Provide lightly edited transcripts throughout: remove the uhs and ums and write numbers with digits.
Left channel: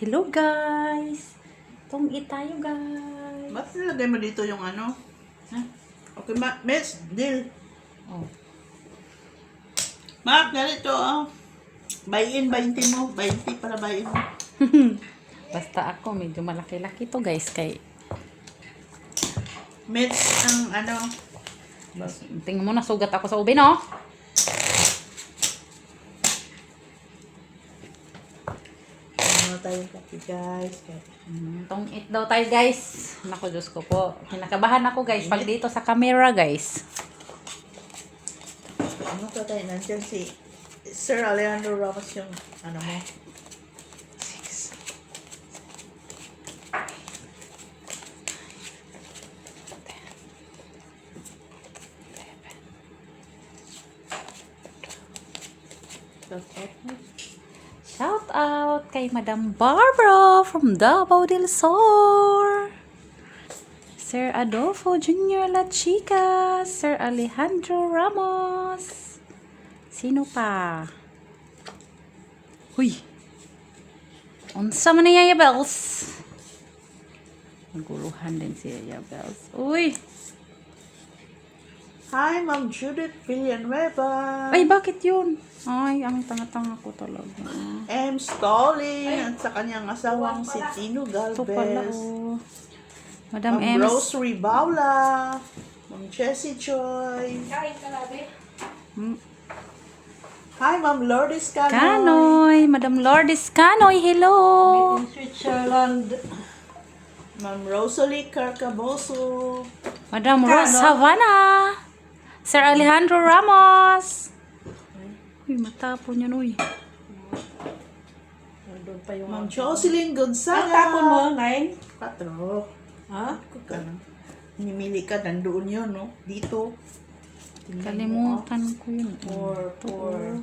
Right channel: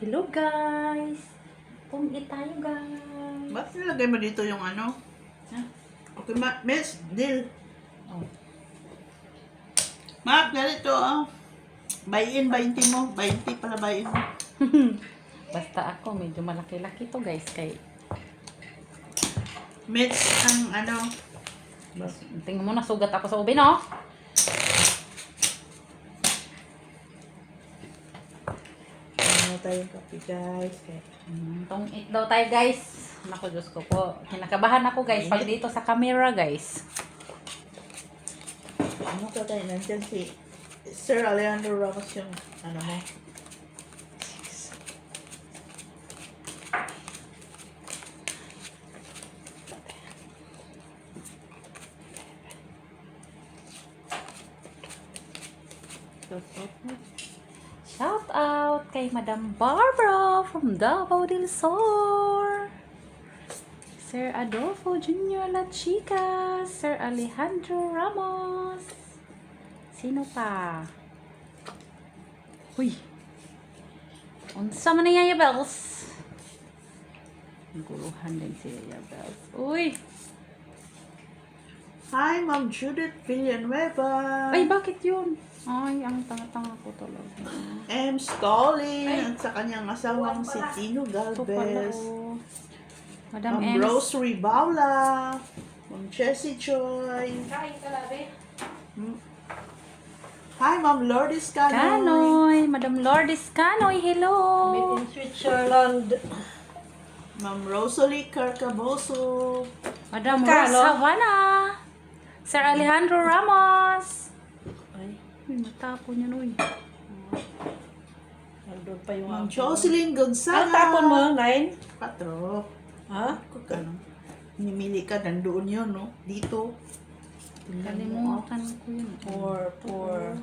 Hello guys! Tungit tayo guys! Ba't nilagay mo dito yung ano? Huh? Okay, Miss, deal. Oh. Mark, ganito ah. Buy-in, 20 mo. 20 para buy-in mo. Basta ako, medyo malaki-laki to guys. Kay, Miss, ang ano. tingnan mo, nasugat ako sa ubi, no? Ano tayong kape guys. Kaya, Tungit daw tayo guys. Naku, Diyos ko po. Kinakabahan ako guys. Pag dito sa camera guys. ano ka tayo? Nandiyan si Sir Alejandro Ramos yung ano mo. Shout out kay Madam Barbara from Davao del Sur. Sir Adolfo Jr. La Chica. Sir Alejandro Ramos. Sino pa? Uy. Unsa man niya Yabels? Naguluhan din si Yabels. Uy. Hi, Ma'am Judith Villanueva. Ay, bakit yun? Ay, ang tanga-tanga ko talaga. M. Stalling at sa kanyang asawang si Tino Ito pala, Galvez. oh. Madam Ma'am Ems. Rosary Baula. Ma'am Jessie Joy. Hmm. Hi, Ma'am Lourdes Canoy. Canoy. Madam Lourdes Canoy, hello. In Switzerland. Ma'am Rosalie Carcaboso. Madam Cano. Rose Havana. Sir Alejandro Ramos. Ay, Uy, matapon yan, uy. nandun pa yung... Ma'am Jocelyn Ang Gonzaga. tapon mo, ngayon? 4. Ha? Ka lang. Nimili ka, nandoon yun, no? Dito. Tingnan mo, ah. Kalimutan ko yun. 4.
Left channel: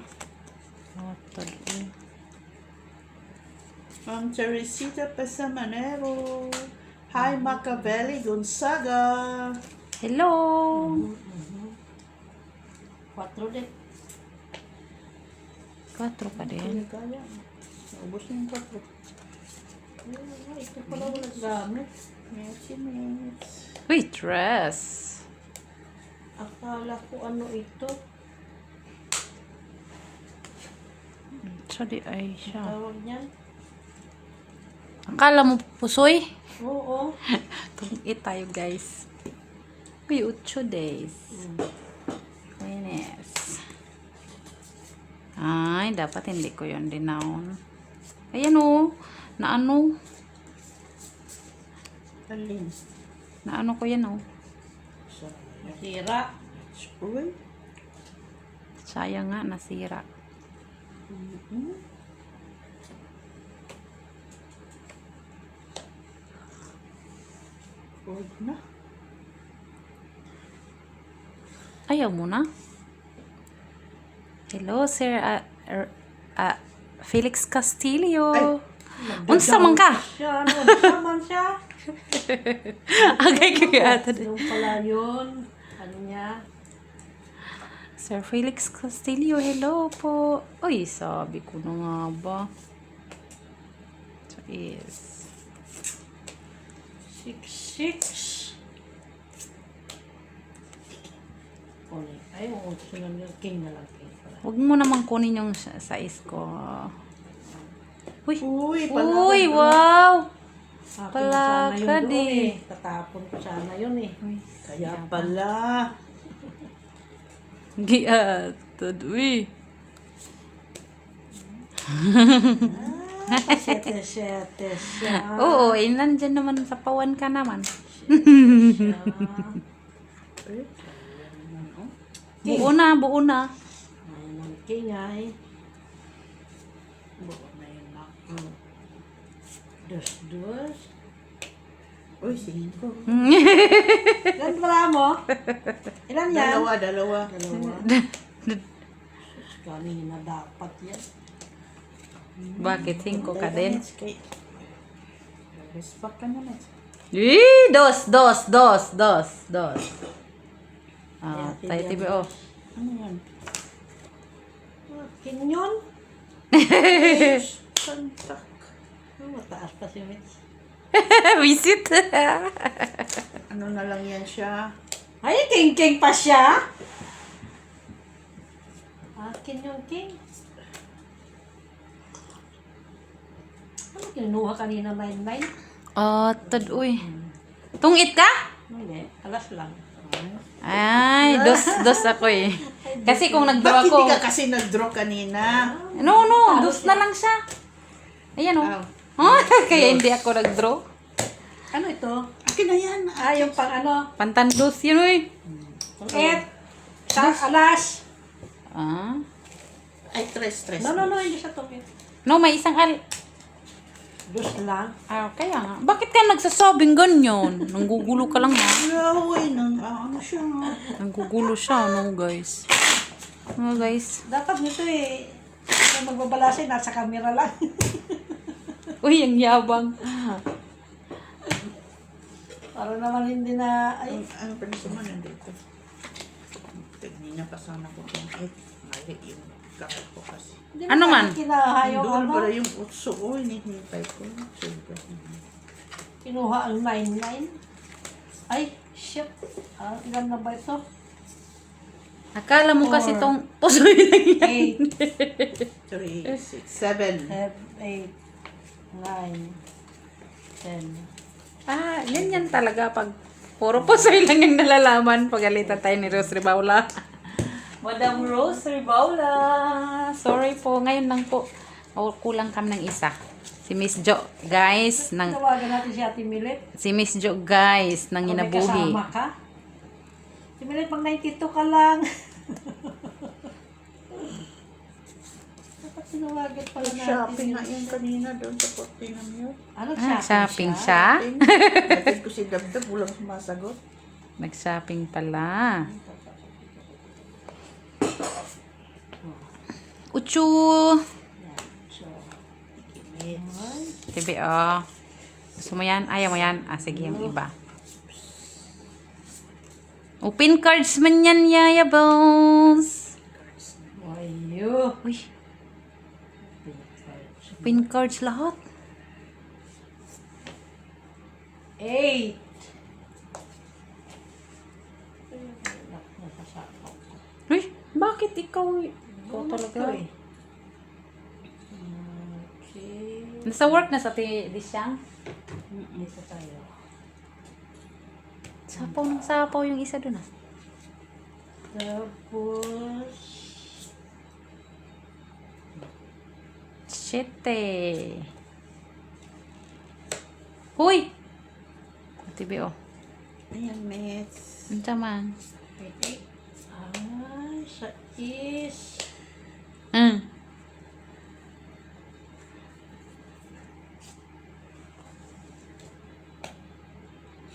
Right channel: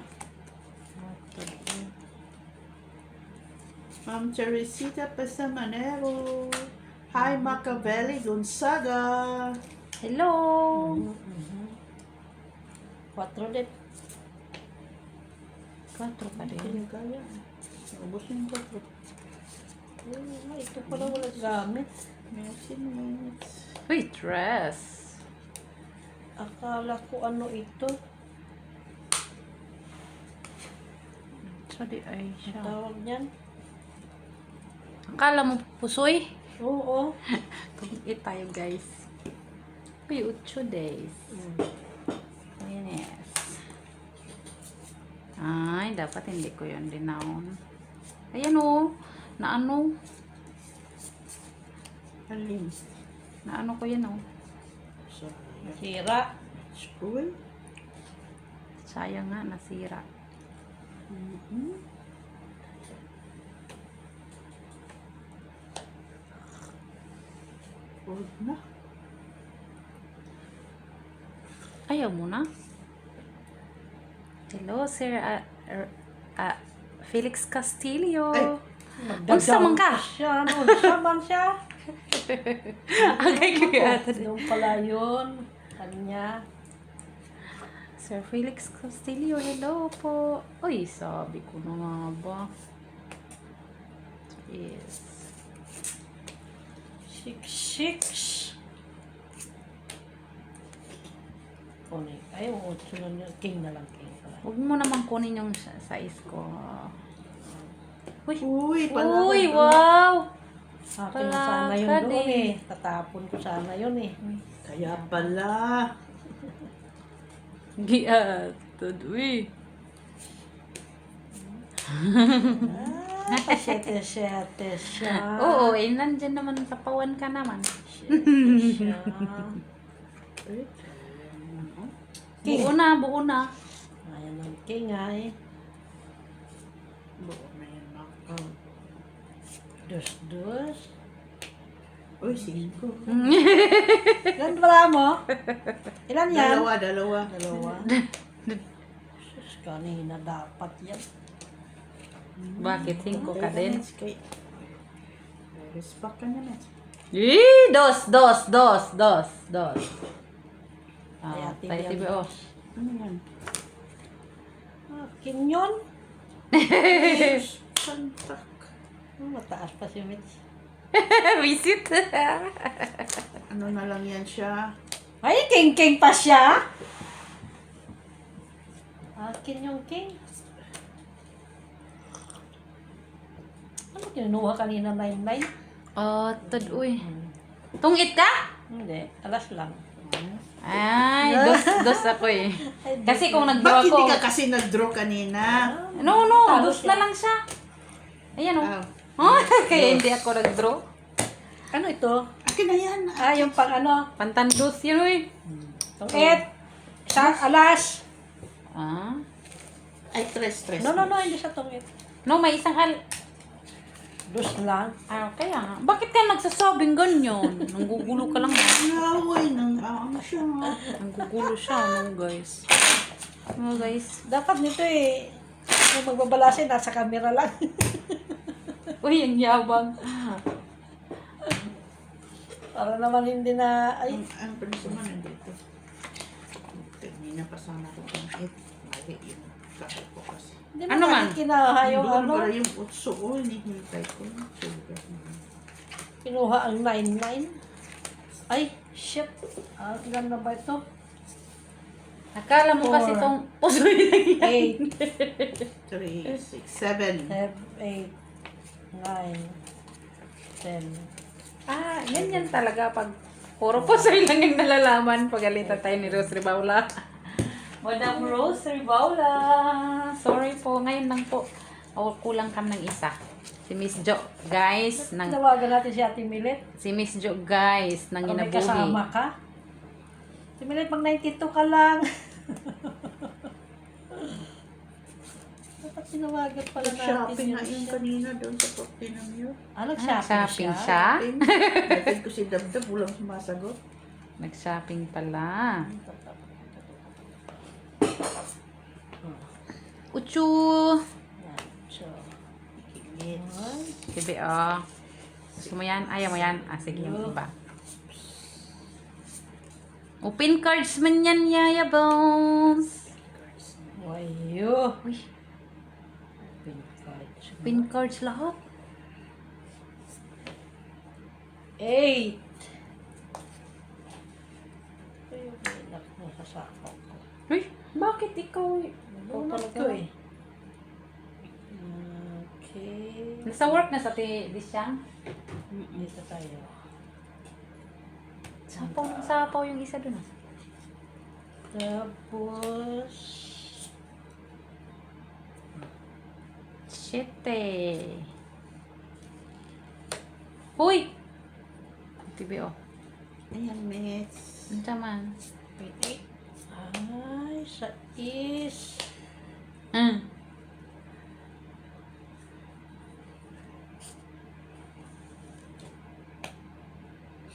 Ma'am Teresita Pasamanero. Hi, Machiavelli Gonzaga. Hello. 4 din. 4 pa din. Kaya kaya. Naubos na yung 4. Ito pala wala gamit. Merci, Miss. Uy, dress. Akala ko ano ito. So, di ay siya. Tawag niyan. Akala mo pusoy? Oo. Tungit tayo, guys. Uy, 8 days. Yes. Ay, dapat hindi ko yun dinaon. Ayan o. Na ano? Alin? Na ano ko yan o. Sayang. Sira. Uy. Sayang nga, nasira. Huwag na. Ayaw mo na? Hello, Sir Felix Castillo. Ay. Unsa man ka? Siya, ano? Siya man siya. Agay kagatan. Yung pala yun. Ano niya? Sir Felix Castillo, hello po. Uy, sabi ko na nga ba? So, is 6. Kunin. Ay, yung 8 na lang. King na lang. King pala. huwag mo naman kunin yung size ko. Uy, Uy, pala. uy, wow! Akin Pala na sana yun ka doon di. eh. Tatapon ko sana yun eh. Uy, Kaya pala. giatod, uy. Siyete siya. Oo, eh, nandyan naman sa pawan ka naman. Siya. Uy. Buo na, buo na. Ayan ang king ay. Buo na yan, Mac. Dos. Uy, 5. Ilan pala mo? Ilan yan? Dalawa. Sus, kanina dapat yan. Bakit? 5 ka din? Respect ka na, Miss. Dos. Ah, Kaya tayo tigyan TBO. Ano yan? King yun? Pantak. Oh, mataas pa si Mitch. Visit. Ano na lang yan siya. Ay, king pa siya. Akin yung king. Ano kinuha kanina 99? Oh, uy. Tungit ka? Hindi, alas lang. Ay, dos ako eh. Kasi kung nag-draw Bakit ako. hindi ka kasi nag-draw kanina? No, Talo dos na lang siya. Ayan oh. Ah, Kaya hindi ako nag-draw. Ano ito? akin na yan. Yung pang ano? Pantandos yun uy. Tungit. Sa alas. Ah. Ay, tres. No, hindi siya tungit. No, may isang Dus lang. kaya nga. Bakit ka nagsasabing ganyan? Nanggugulo ka lang ba? Laway ng ano siya. Nanggugulo siya, no guys. No guys. Dapat nito eh. Kung magbabalase, nasa camera lang. Uy, ang yabang. Para naman hindi na... Ay, Ang paniso mo nandito. Kanina pa sana ko kung mali yung kakal ko kasi. hindi Ano mo man? kinaha yung Doon ano. pala yung utso. Oh, hinihintay ko. Super. Kinuha ang 99. Ay, shit. Ilan na ba ito? Akala mo kasi 4. tong pusoy lang yan. 8, 3, 6, 7. 8, 9, 10. Yan talaga pag puro pusoy lang yung nalalaman. Pagalitan tayo ni Rose Ribaula. Madam Rose Ribaula. Sorry po, ngayon lang po. Kulang kami ng isa. Si Miss Jo, guys, Tawagan natin si Ate Milet. si Miss Jo, guys, nang May inabuhi. kasama ka? Si Milet, pang 92 ka lang. Dapat tinawagan pala natin. Shopping nga yan kanina doon sa Fortinam yun. Ano, Shopping siya? Natin ko si Dabdab, walang sumasagot. Nag-shopping pala. Uchu! Sige, oh. Gusto mo yan? Ayaw mo yan? Sige, yung iba. Open cards man yan, Yaya Bones. Wayo. Uy, open cards lahat. 8. Uy, bakit ikaw? Ikaw talaga eh. Okay. Nasa work na sa Disyang? Isa tayo. Sapaw yung isa dun ah. Tapos... Siyete. Huy! TV oh. Ayan, Mets. Ano man? Wait. Ay, sa is...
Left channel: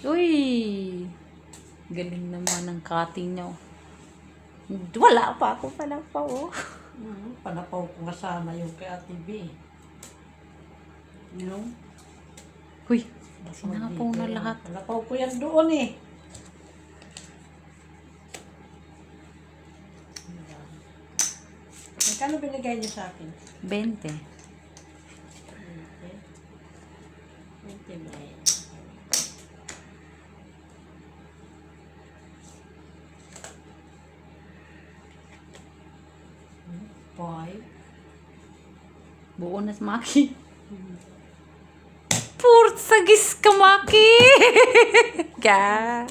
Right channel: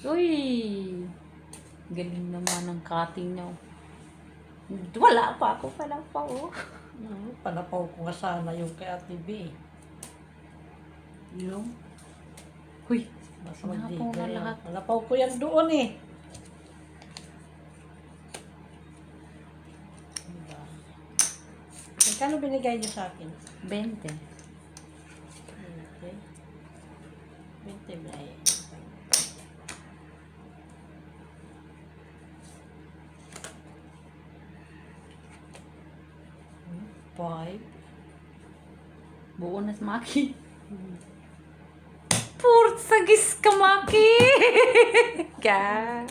Uy! Galing naman ang cutting nyo. Wala pa ako pala pa oh. Panapaw ko nga sana yung kay Ate B. Yung? Huy! Nasa Sinapong dito na yan. lahat. Panapaw ko yan doon eh. Magkano binigay niyo sa akin? 20. 20 ba eh? Five. Buo na si Maki. Portsagis ka, Maki! Ka.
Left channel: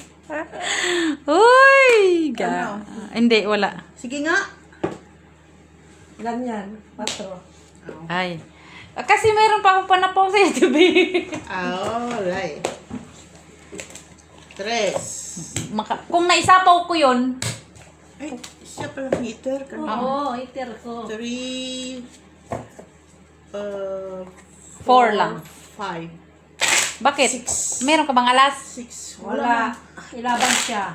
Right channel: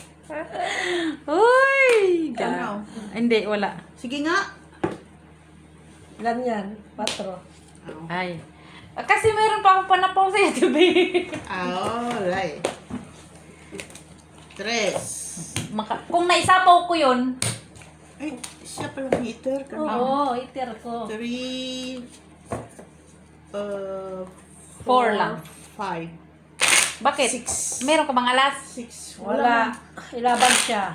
Uy! Ka. Ano? Hindi, wala. Sige nga. Ilan yan? 4. Oh. Ay. Kasi mayroon pa akong panapaw sa YouTube. Alright. 3. Kung naisapaw ko yun, Ay, siya pala meter. Oo, iter ko. 3. 4 lang. 5. Bakit? 6. Meron ka bang alas? 6. Wala. Ilaban siya.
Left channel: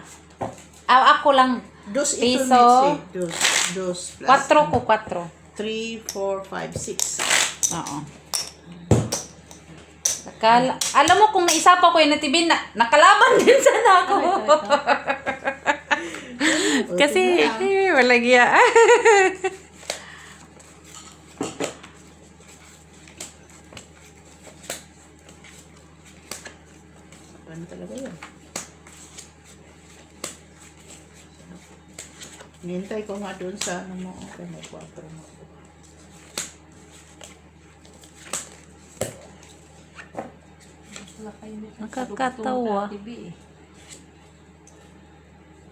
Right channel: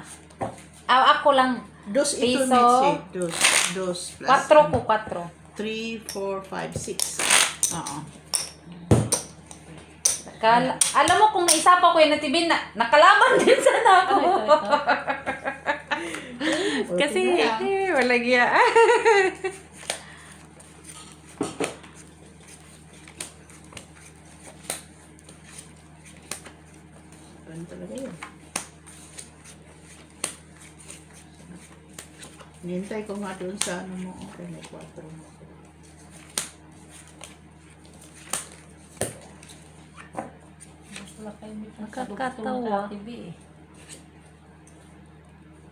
Ako lang. Dos ito, Piso. Mitzi. Dos plus. 4 ko, 4. 3, 4, 5, 6. Oo. Alam mo kung naisapaw ko yun na TV, nakalaban din sana ako. Kasi, walang iya. Yan talaga yun. Nintay ko nga doon sa ano mo. Okay, may 4 mo ako. Wala kayo mit na Nakakatawa. sa TV eh.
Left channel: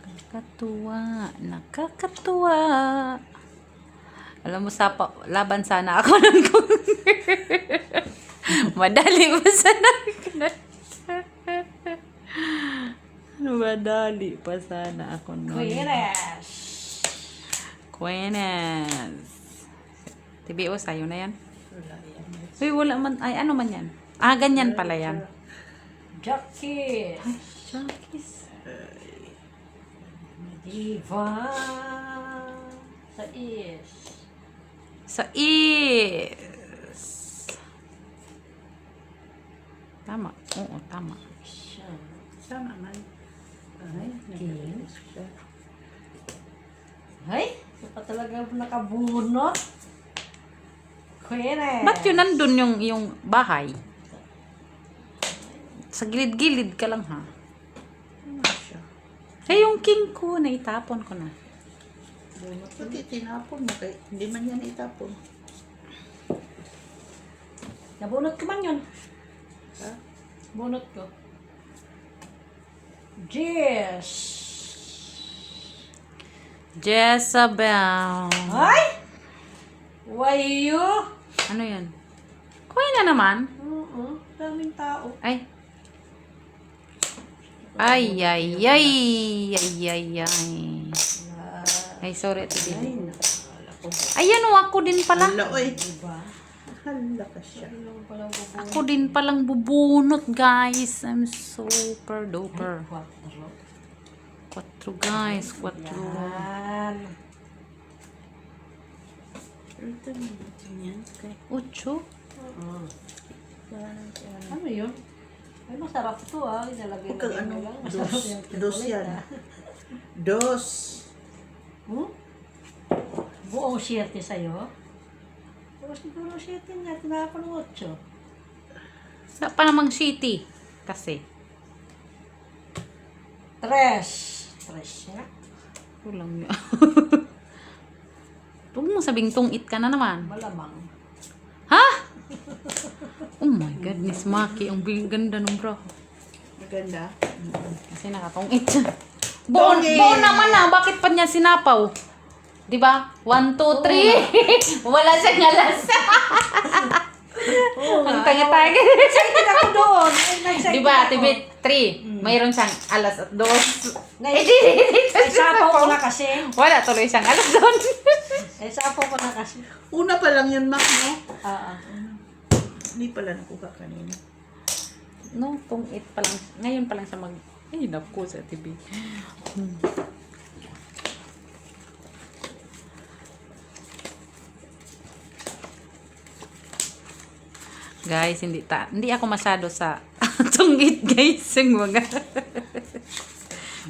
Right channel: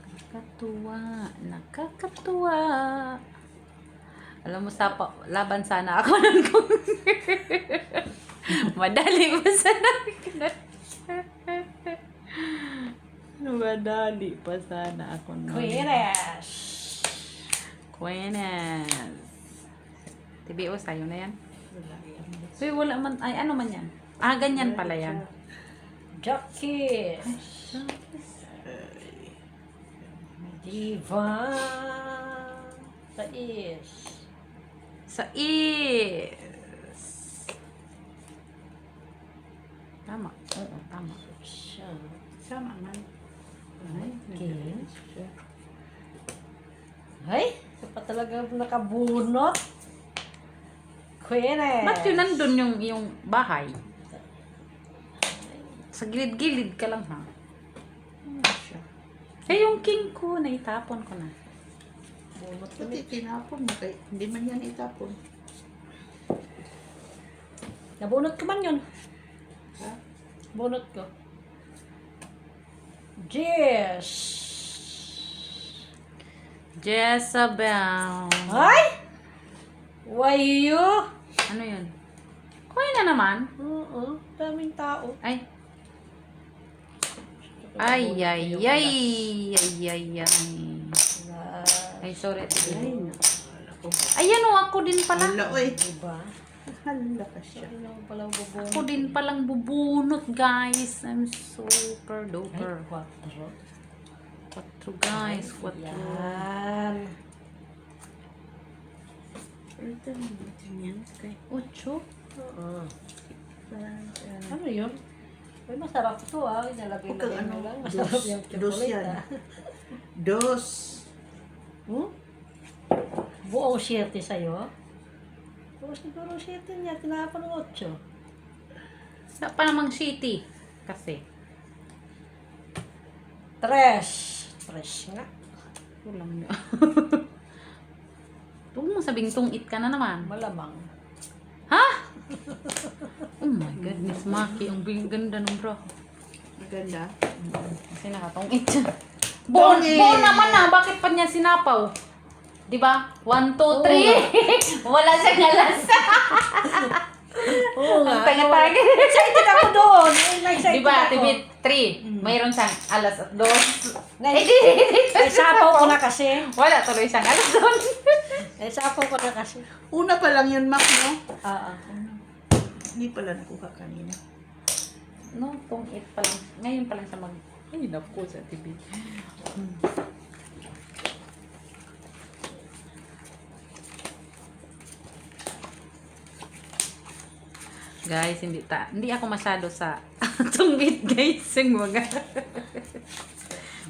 Nakakatuwa. Nakakatuwa. Alam mo, laban sana ako ng madali pa sana ako madali pa sana ako ng Queres! Quenes. TBO, sa'yo na yan. Wala yan. Uy, wala man. Ay, ano man yan? Ah, ganyan pala yan. Jackie! Junkies. Diva! Sa is. Sa is. Tama. Oo, tama. Siya. Sama man. Ay, nag-release siya. Ay, ito pa talaga nakabunot. Queres! Ba't yun nandun yung bahay? Sa gilid-gilid ka lang, ha? Ano siya? Eh, yung king ko, naitapon ko na. Pati tinapon mo kay hindi man yan itapon. Nabunot ko man yun. Ha? Bunot ko. Yes! Jezebel. Ay! Why you? Ano yun? Kuya na naman. Oo, daming tao. Ay. Ay, ay, ay. Ay, ay, ay. Ay, sorry. Ay, nakakala ko. Ayan o, ako din pala. Hala, oy. Diba? Hala ka siya. Yung palang bubunot. Ako din palang bubunot, guys. I'm super duper. Quattro. 4 guys, 4. Yan. Ito natin yan. Okay. 8. Oo. Parang siya. Ano yun? Ay, masarap ito ah. Inalagay Huwag kang na ano, lang. dos. Masarap yung Dos chocolate, yan. ah. Dos. Hmm? Buong 7 sa'yo? O siguro 7 niya. Tinaka ko ng 8. Sa pa namang city. Kasi. 3. 3 nga. Kulang yun. Huwag mo sabing tungit ka na naman. Malamang. Ha? Oh my goodness, Maki. Ang ganda ng bra. Maganda. Kasi nakatungit siya. Bon naman na. Bakit pa niya sinapaw? Diba? 1, 2, 3. Wala siyang alas. Oo Ang nga. tanga-tanga. Excited ako doon. Excited Diba, ako. tibit 3. Mayroon siyang alas at 2. Ay, sapaw ko na kasi. Wala tuloy siyang alas doon. Ay, sapaw ko na kasi. Una pa lang yun, Mac, no? Oo. Hindi pala nakuha kanina. No, tungit pa lang. Ngayon pa lang siya mag... Ay, naku sa TV. Guys, hindi ako masyado sa tunggit, guys, yung mga.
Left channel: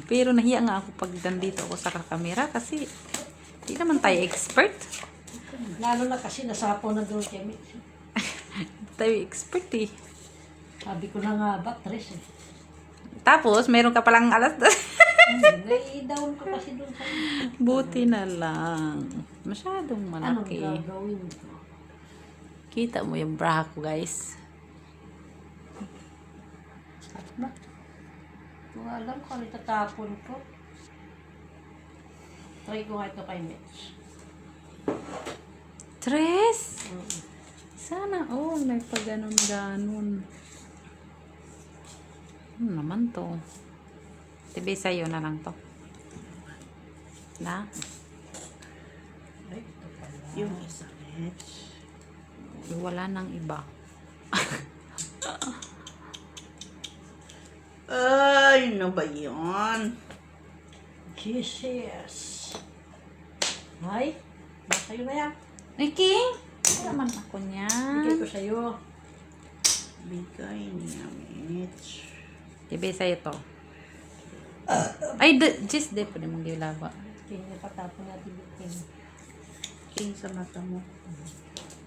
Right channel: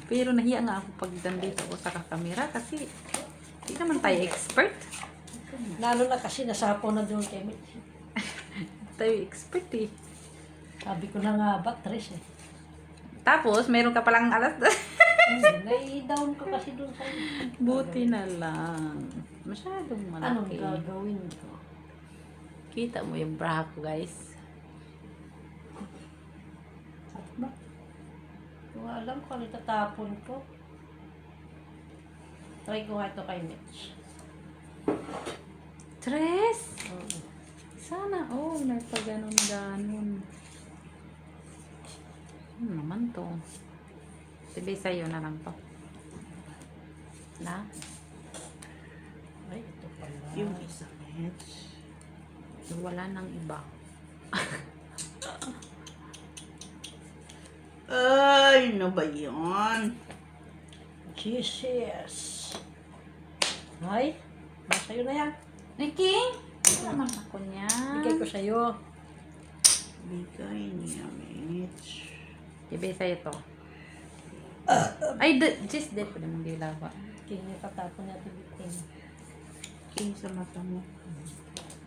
Pero nahiya nga ako pag nandito ako sa kakamera kasi hindi naman tayo expert. Lalo na kasi nasapaw na doon kami. Tayo expert eh. Sabi ko na nga ba, 3 eh. Tapos, meron ka palang alas. Nai-down ka kasi doon sa... Buti na lang. Masyadong Anong malaki. gagawin ko? Kita mo yung bra ko, guys. Ba? Kung alam ko, ano itatapon ko. Try ko nga ito kay Mitch. 3. Sana, may pa ganon-ganon. Naman to. Sabi sa'yo na lang to. Na? Ay, ito pala. Yung isa, Mitch. Wala nang iba. Ay, ano ba yun? Jesus. Ay, sa'yo na yan. Ay, King! Ano naman ako niyan? Bigay ko sa'yo. Bigay niya, Mitch. Sabi sa'yo to. Ay, just de po mong gilaba. Kaya katapon natin bitin. King sa mata mo.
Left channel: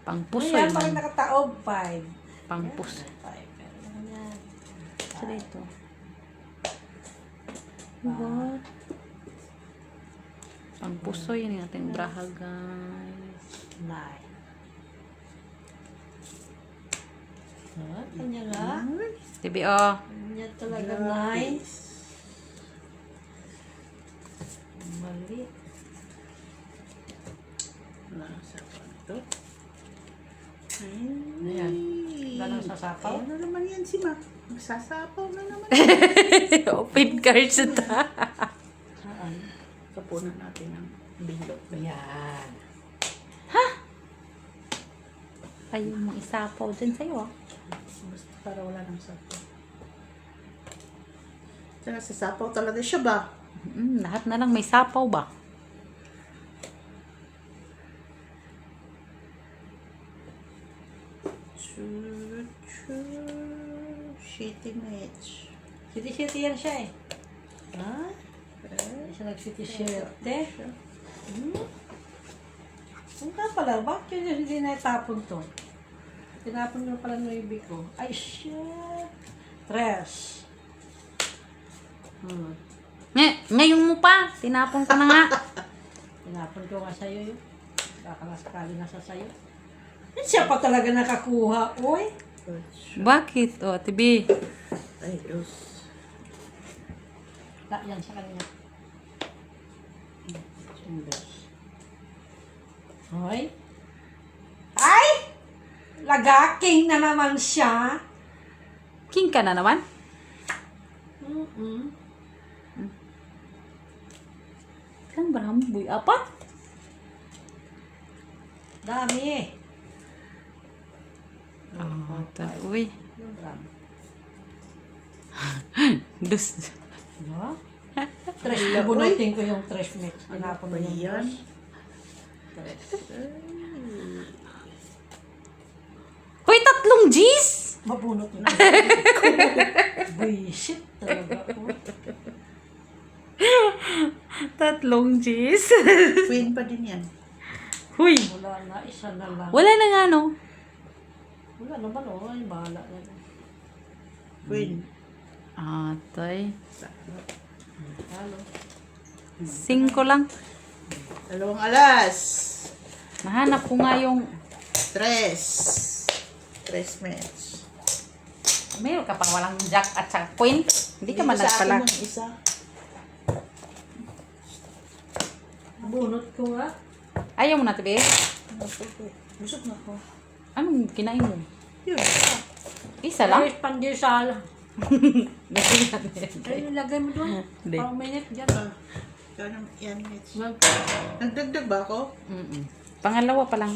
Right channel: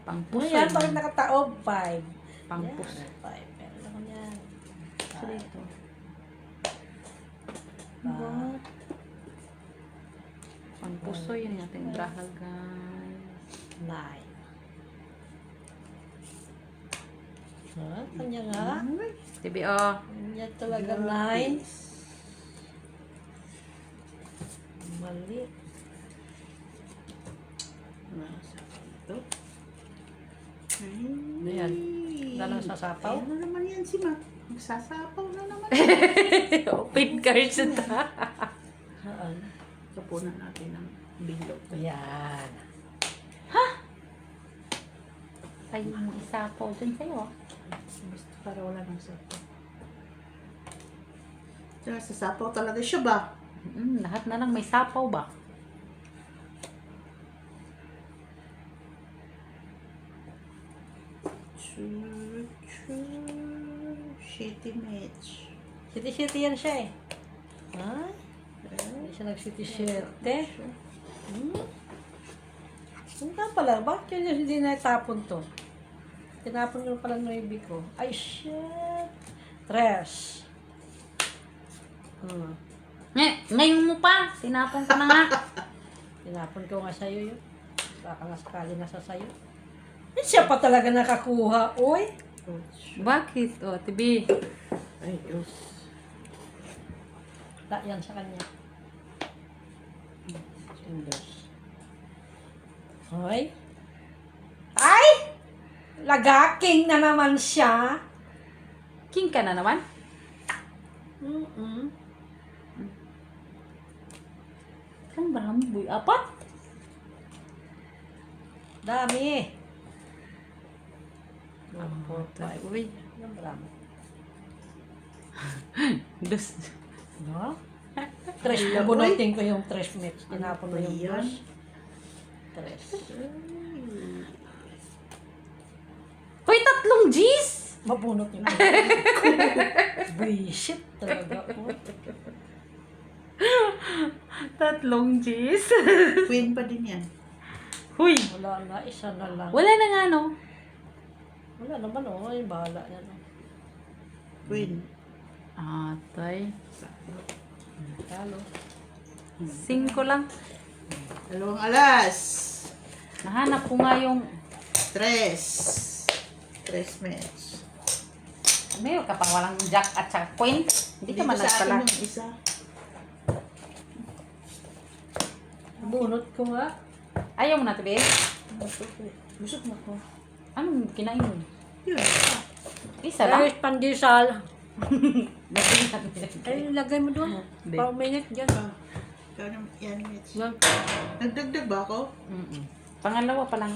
Pangpuso. Ayan, bakit nakataob? 5. Pangpuso. 5. Pero naman yan. Sa dito. What? Ang puso yun yung ating braha, guys. Nine. Kanya nga. Tibi, oh. Kanya talaga nine. Mali. Nasapaw na ito. Ay. Ayan. Lalo sasapaw? Ayan na naman yan si Ma. Magsasapaw na naman. Open cards ito. Saan? Kapunan natin ng bilog. Ayan. Ay, yung isa po dyan sa'yo, ah. Basta para wala ng sapaw. Tsaka sasapaw talaga siya ba? Lahat na lang may sapaw ba? Shitty match. City-city yan siya eh. Ha? Hindi siya nag-city-city. Ang ka pala, bakit yun hindi naitapon to? Tinapon nyo pala ng ibig ko. Ay, shit! Tres. Ngayon mo pa. Tinapon ko na nga. Tinapon ko nga sa'yo yun. Baka nasakali nasa sa'yo. Eh, siya pa talaga nakakuha, uy. Bakit? O, tibi. Ay, Diyos. La, yan sa kanya. Hoy. Ay! Lagaking na naman siya. King ka na naman? Kan berapa boy? Apa? Dami. Uy. Dami. Dus. No? Trash, bubunutin ko yung trash mix. Ano Tinapon ba mo yung yan? trash. Hoy, tatlong G's! Mabunot yun. Buisit talaga ko. Tatlong G's. Queen pa din yan. Huy. Wala na, isa na lang. Wala na nga, no? Wala naman, oh. Ay, bahala na. Queen. Atay. Halo. 5 lang. Dalawang alas. Nahanap ko nga yung... Tres. Tres match. Meron ka pang walang jack at saka queen. Hindi ka man Dito sa akin pala. yung isa. Bunot ko nga. Ayaw mo na, tibi. Busog na ko. Anong kinain mo? Yun. Isa lang? Ay, pandesal. Hindi. Ay, lagay mo doon. Hindi. Pang minute dyan. Ikaw naman yan, Mitch. Yan. Nagdagdag ba ako? Pangalawa pa lang.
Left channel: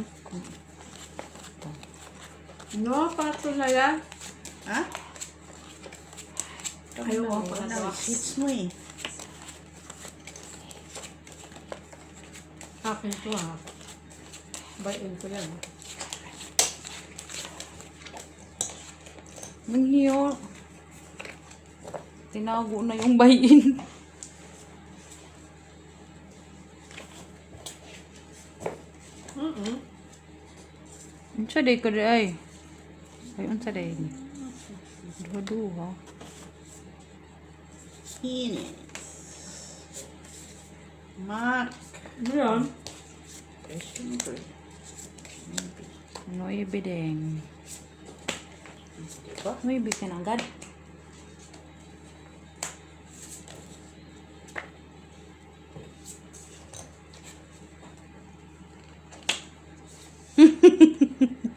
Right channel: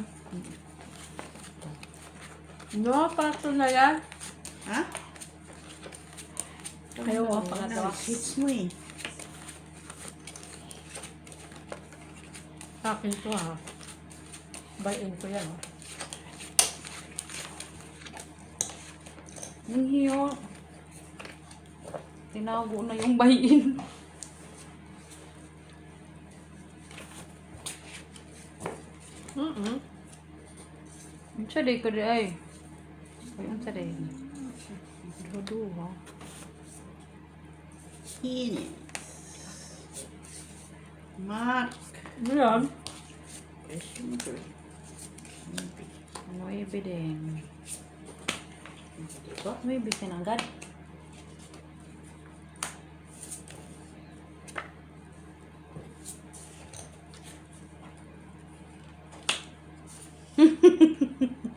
No, pato na yan. Ha? Ayaw Ano, ko pa ano, na. hits mo eh. Akin to ha. Bayin ko yan. Ang hiyo. Tinago na yung bayin. Unsa day ko day? Ay, unsa day? Duha-duha. Ines. Mark. Yan. Eh, siyempre. Maybe. Ano ibideng? Diba? Ano ibig pinanggad?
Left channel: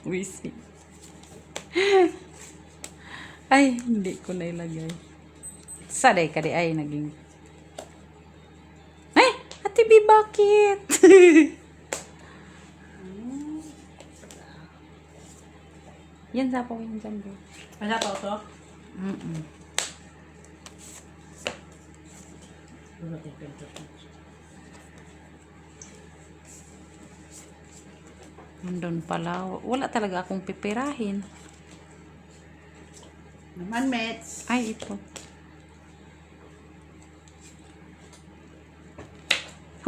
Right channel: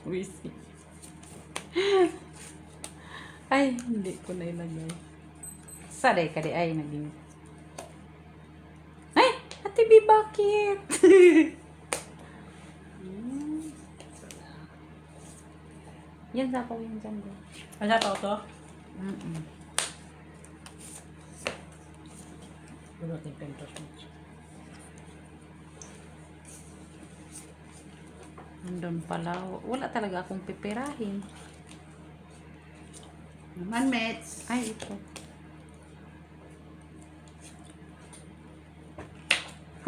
Wisi. Ay, hindi ko na ilagay. Saday ka di ay naging. Ay, Ate B, bakit? Yan sa ako yung dyan. Bro. Wala pa ito? Bunot yung pentos mo. Nandun pala. Wala talaga akong pipirahin. Naman, Mets. Ay, ito.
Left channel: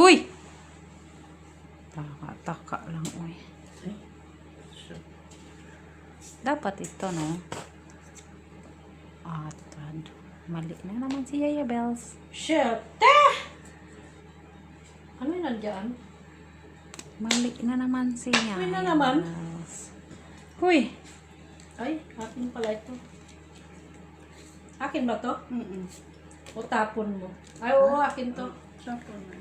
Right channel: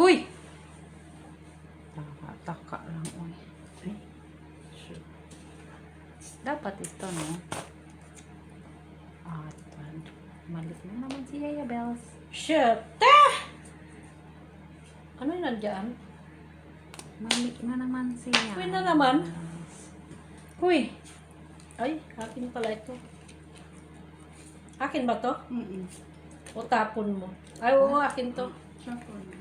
Huy! Taka lang, uy. Ay. Sure. Dapat ito, no? Atad. Mali na naman si Yaya Bells. Shit! Ano yung nandiyan? Mali na naman si Yaya Uy na naman. Bells. Uy! Ay, akin pala ito. Akin ba to? O tapon mo? Ay, oo, akin to. Sako na.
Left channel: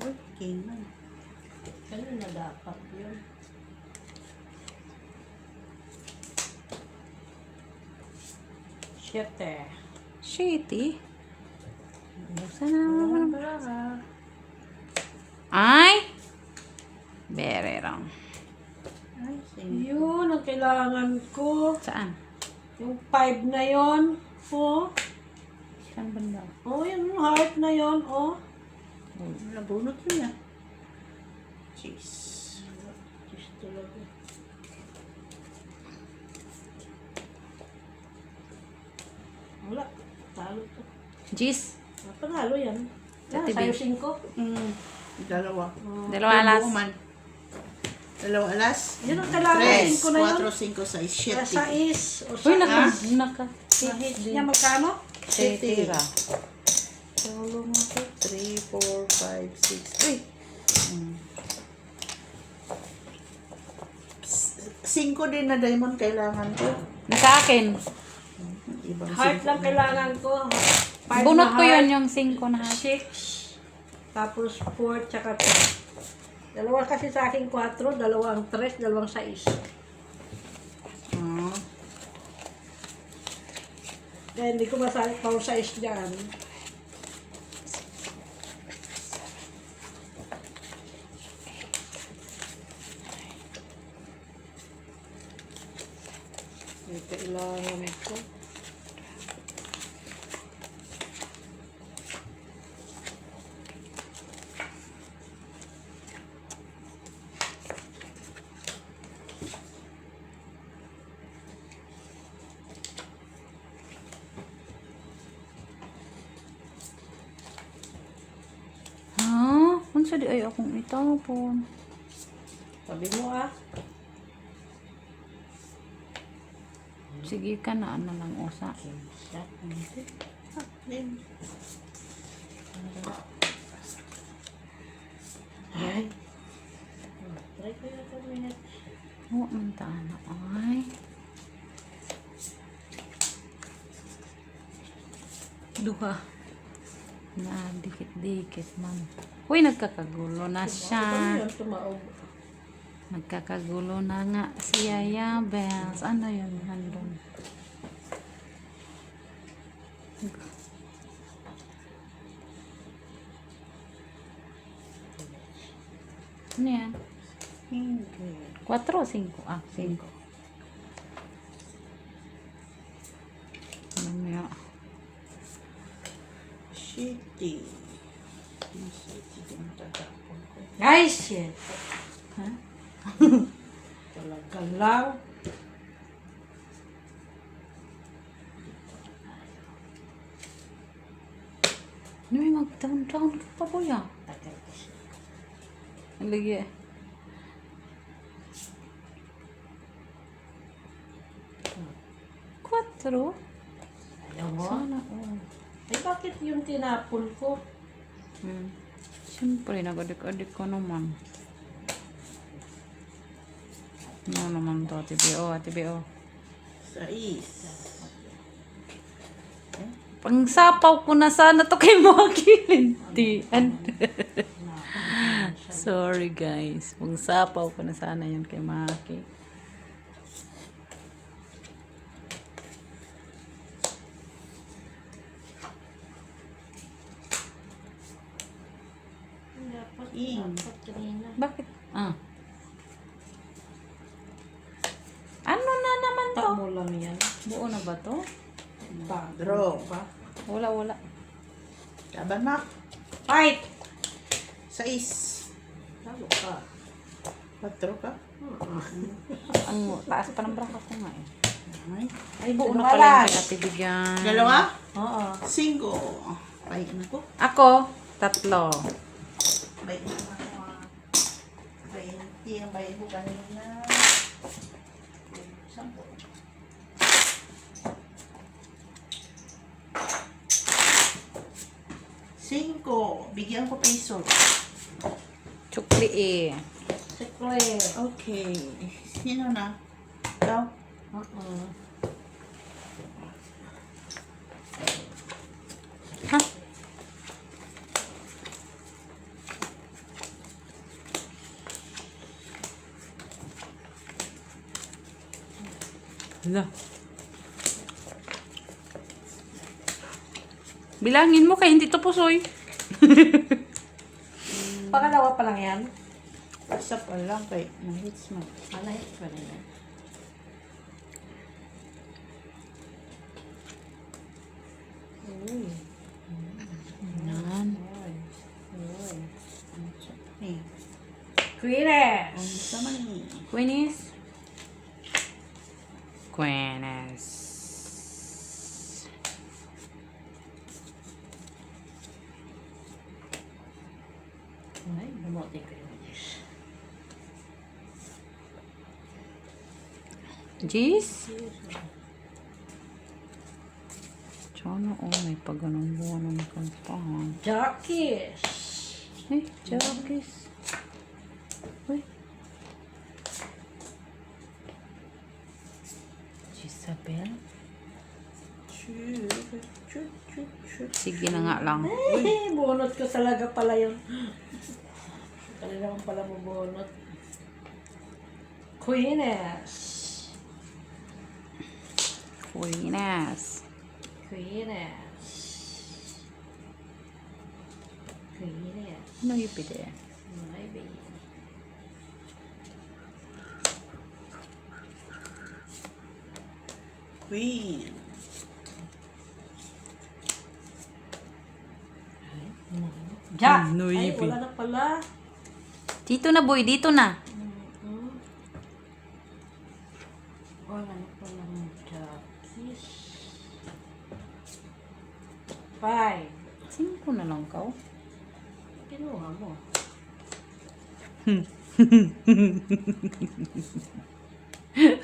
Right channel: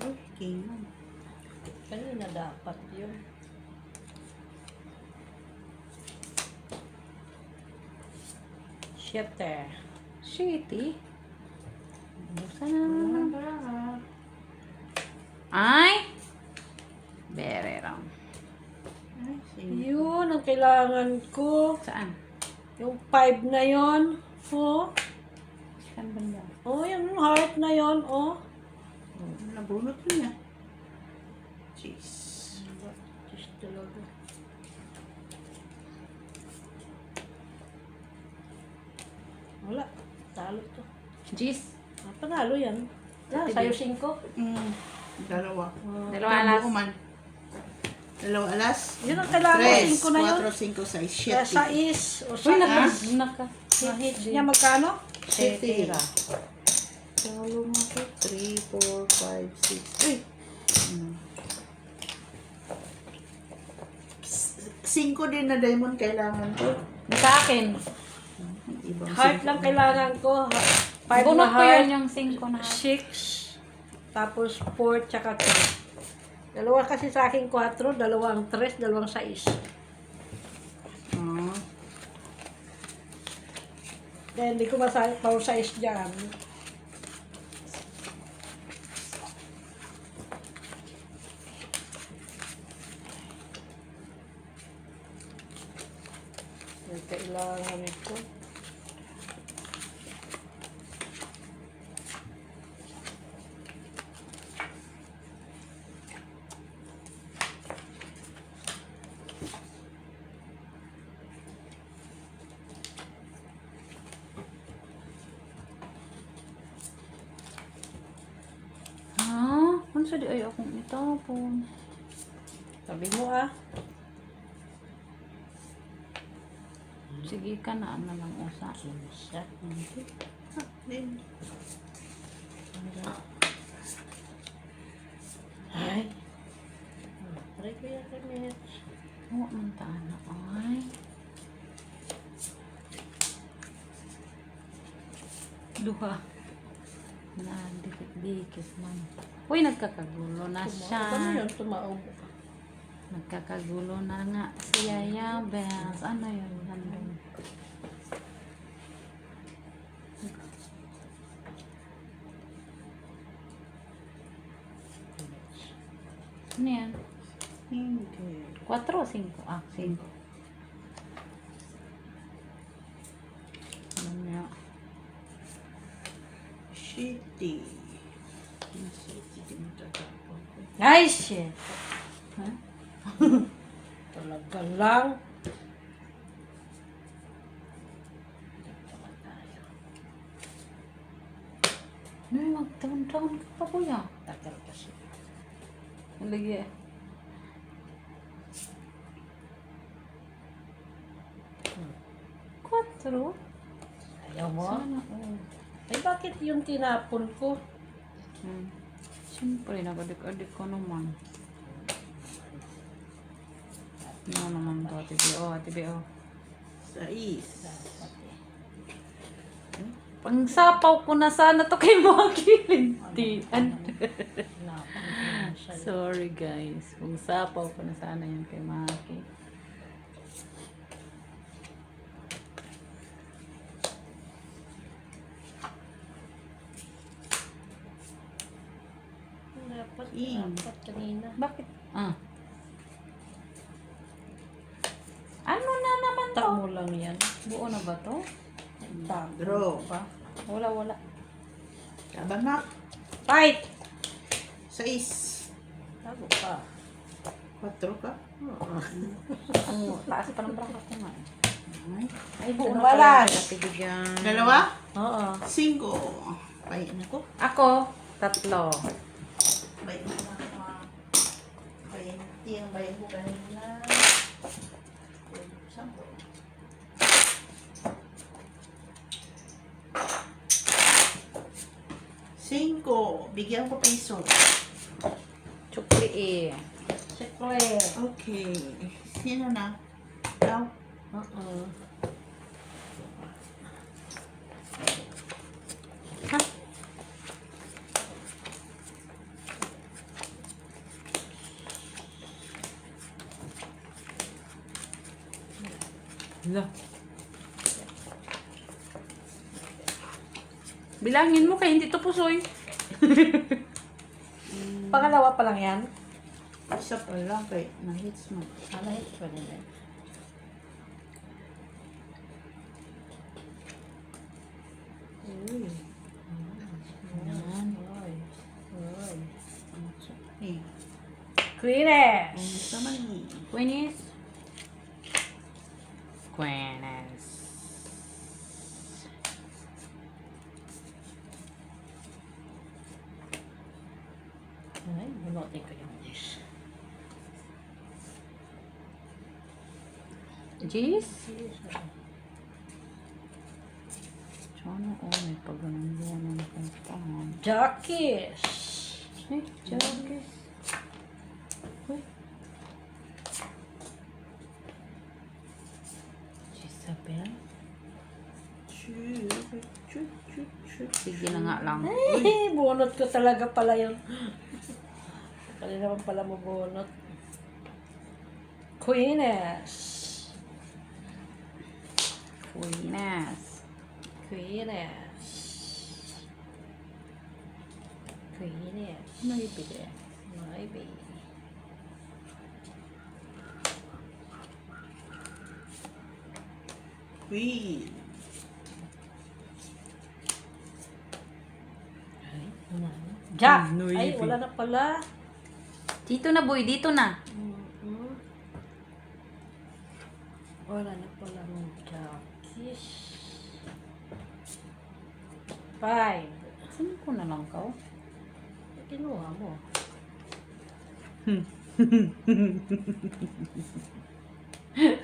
Uy, kingan. Kanina dapat yun. Shit eh. Shitty. Basta na. Baraha. Ay! Very wrong. Ay, sige. Yun ang kailangan ko. Saan? Yung 5 na yon. Oh. Saan banda? Oh, yung heart na yon. Oh. Nabunot yun ah. Jeez. Diyos talaga. Wala. Talo to. Jeez. Panalo yan. Yan, Ate sa'yo B. 5. Dalawa. Oh. Dalawa alas. Buo man. Dalawa alas. Yun ang kailangan 3, 5 na yun. 4, 5, 6, Kaya 7. sa is. O Uy, sa naka. hit niya magkano? Tira. Solo mo ko. 3, 4, 5, 6. Uy! 5 din na diamond kailangan ko. Sa akin. Ibang Heart lang kailangan ko. 5 Bunot na ko yun heart. yung 5 na. 6. Tapos 4 tsaka 2. Dalawa kasi sa akin 4, dalawang 3, dalawang 6. Ah, Eh, hindi ko masalit pang 6 dyan. May kailangan ito. Ha? Kung sa di ay akong itapon. Sabi mo ah. Sige ka na, ano lang usa. din. Ay. Try ko yung kami. Oo, mantaan na. Ay. Duha. Na, dikit-dikit man. Uy, nagkakagulo na siya. Ano yun? Tumaog. Nagkakagulo na nga si Yaya Bells. Ano yun? Handong. Ano yan? Hindi. 4 o 5? Ah, 5. Ano yan? Shitty. Nasa iti din tatapon ko. Ay, shit. Ha? Talaga lang. Ano yung mag-down-down ka pa, kuya? Tagal kasi. Ang lagi eh. Quatro? Ayaw mo? Sana, oo. Eh, bakit yung tinapon ko? Siyempre, nag-adik-adik ko naman. Ano naman to, TBO, TBO. 6. Pang sapaw ko na sana to kay mga kilintian. Sorry guys. Pang sapaw ko na sana yun kay Maki. Dapat, Ing. dapat kanina. Bakit? Ah. Ano na naman to? Tak mo lang yan. Buo na ba to? Tak. Draw. Pa. Wala, wala. Kabanak. Fight! 6. Talo ka. 4 ka. Ang taas pa ng bracket ko nga. Ay. Ay, buo na Balas. pala yung pinapibigyan. Dalawa. Oo. 5. Bayan ako. Ako, 3. Bayan ako. Bayan. Yung bayan ko kanina. 10. Bigyan ko piso. Chukli eh. Chocolate. Okay. Sino na? Ikaw? Ha? Hala. Bilangin mo kay hindi to pusoy. Pangalawa pa lang yan. Isa pa lang kay na-hits mo. Ano ito pa nila? Uy. Yan. Uy. Uy. Eh, Queeness. sama ni. Queenies. Queenies. Ay, bumote ko yun. Jeez. Sana may pagganong-ganong kantahan. Jockeys. Ay, Jagis. Uy. Isabel. Chut, chut, chut, chut. Sige na nga lang. Ay, bunot ko talaga pala yun. Kali naman pala mo bunot. Queeness. Queeness. Queeness. Queeness. Ano ipili? Maybe. Queen. Jack! No, Ay, yippee. wala na pala. Dito na boy, dito na. Wala na pala ng Jockeys. 5. 5 na lang ka. Kinuha mo.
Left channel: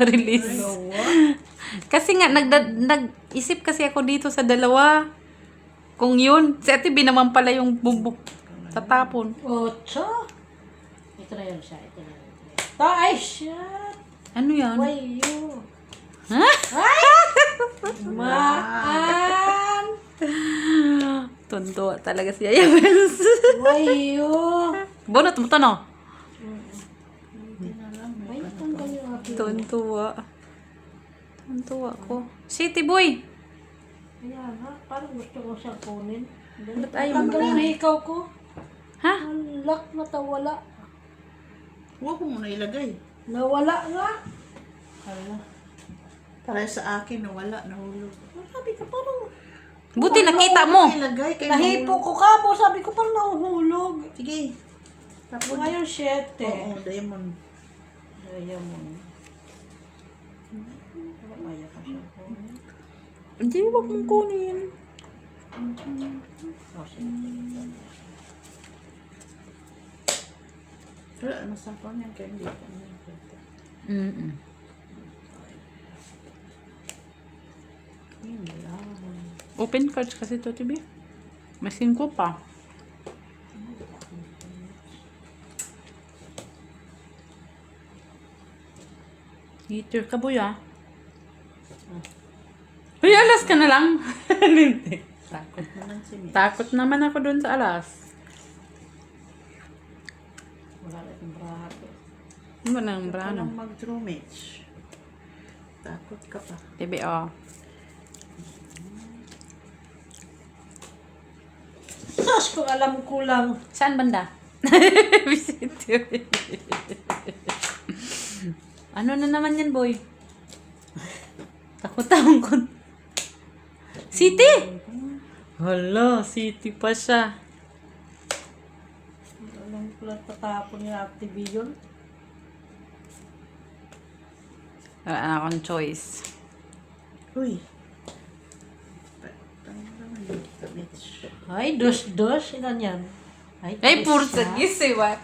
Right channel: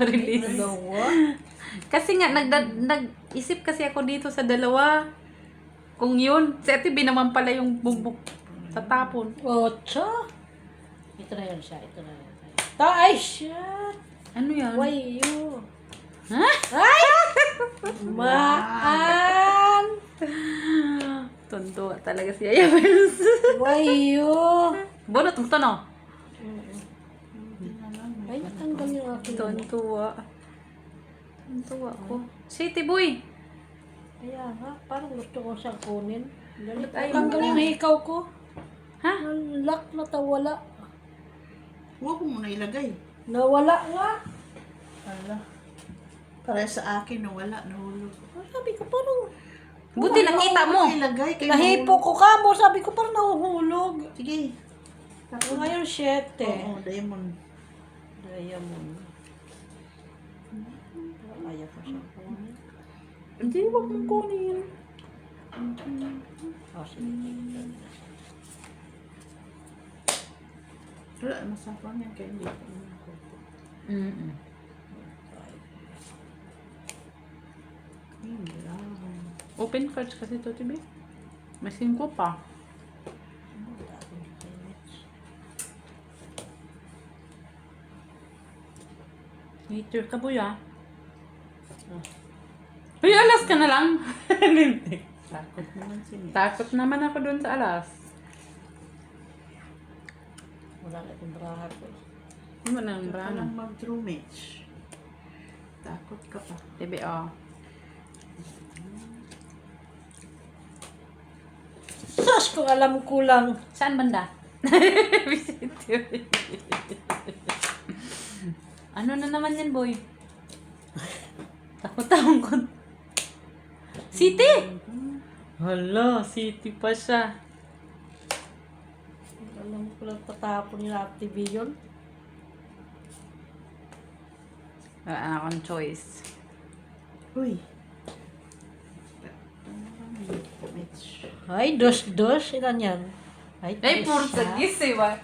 Release. Dalawa. Kasi nga, nag-isip kasi ako dito sa dalawa. Kung yun, si Ate B naman pala yung bubuk sa tapon. 8. Ito na yun siya. Ito na yun. Ay, shit! Ano yan? Why you? Ha? Ay! Maan! Tonto talaga si Ayabels. Why you? Bonot mo to, no? Hindi na lang. Ay, tanggal yung aking. Tontuwa. Tontuwa ko. City boy. Kaya nga, parang gusto ko siyang kunin. Ba't ayaw Ayaw mo mo na? ikaw ko. Ha? Ang lock na tawala. Huwag mo muna ilagay. Nawala nga. Ala. Para sa akin, nawala, nahulog. Sabi ko parang Buti nakita mo. Ilagay kay nahipo ko ka mo. Sabi ko parang nahuhulog. Sige. Tapos. Ngayon, 7. Oo, diamond. Ayaw mo. Ayaw ko siya kunin. Hindi, wag mong kunin. Oh, sige. Wala, masapang yan kaya hindi ko naman ko. Yun lang. Open cards kasi to, Tibi. May 5 pa. Hater ka, boy, ah. Uy, alas ka na lang. Takot naman si Mitch. Takot naman ako dun sa alas. Wala na itong braha ko. Ano nang Huwag ka brano? lang mag-draw, Mitch. Takot ka pa. Tibi, oh. Sus, kung alam ko lang. Saan banda? Ano na naman yan, boy? Takot ko. City! Hala, city pa siya. Alam ko lang tatapon yung active yun. Wala na akong choice. Uy. Mitch. Ay, dos. Ilan yan? Ay, puro sa gisiwa.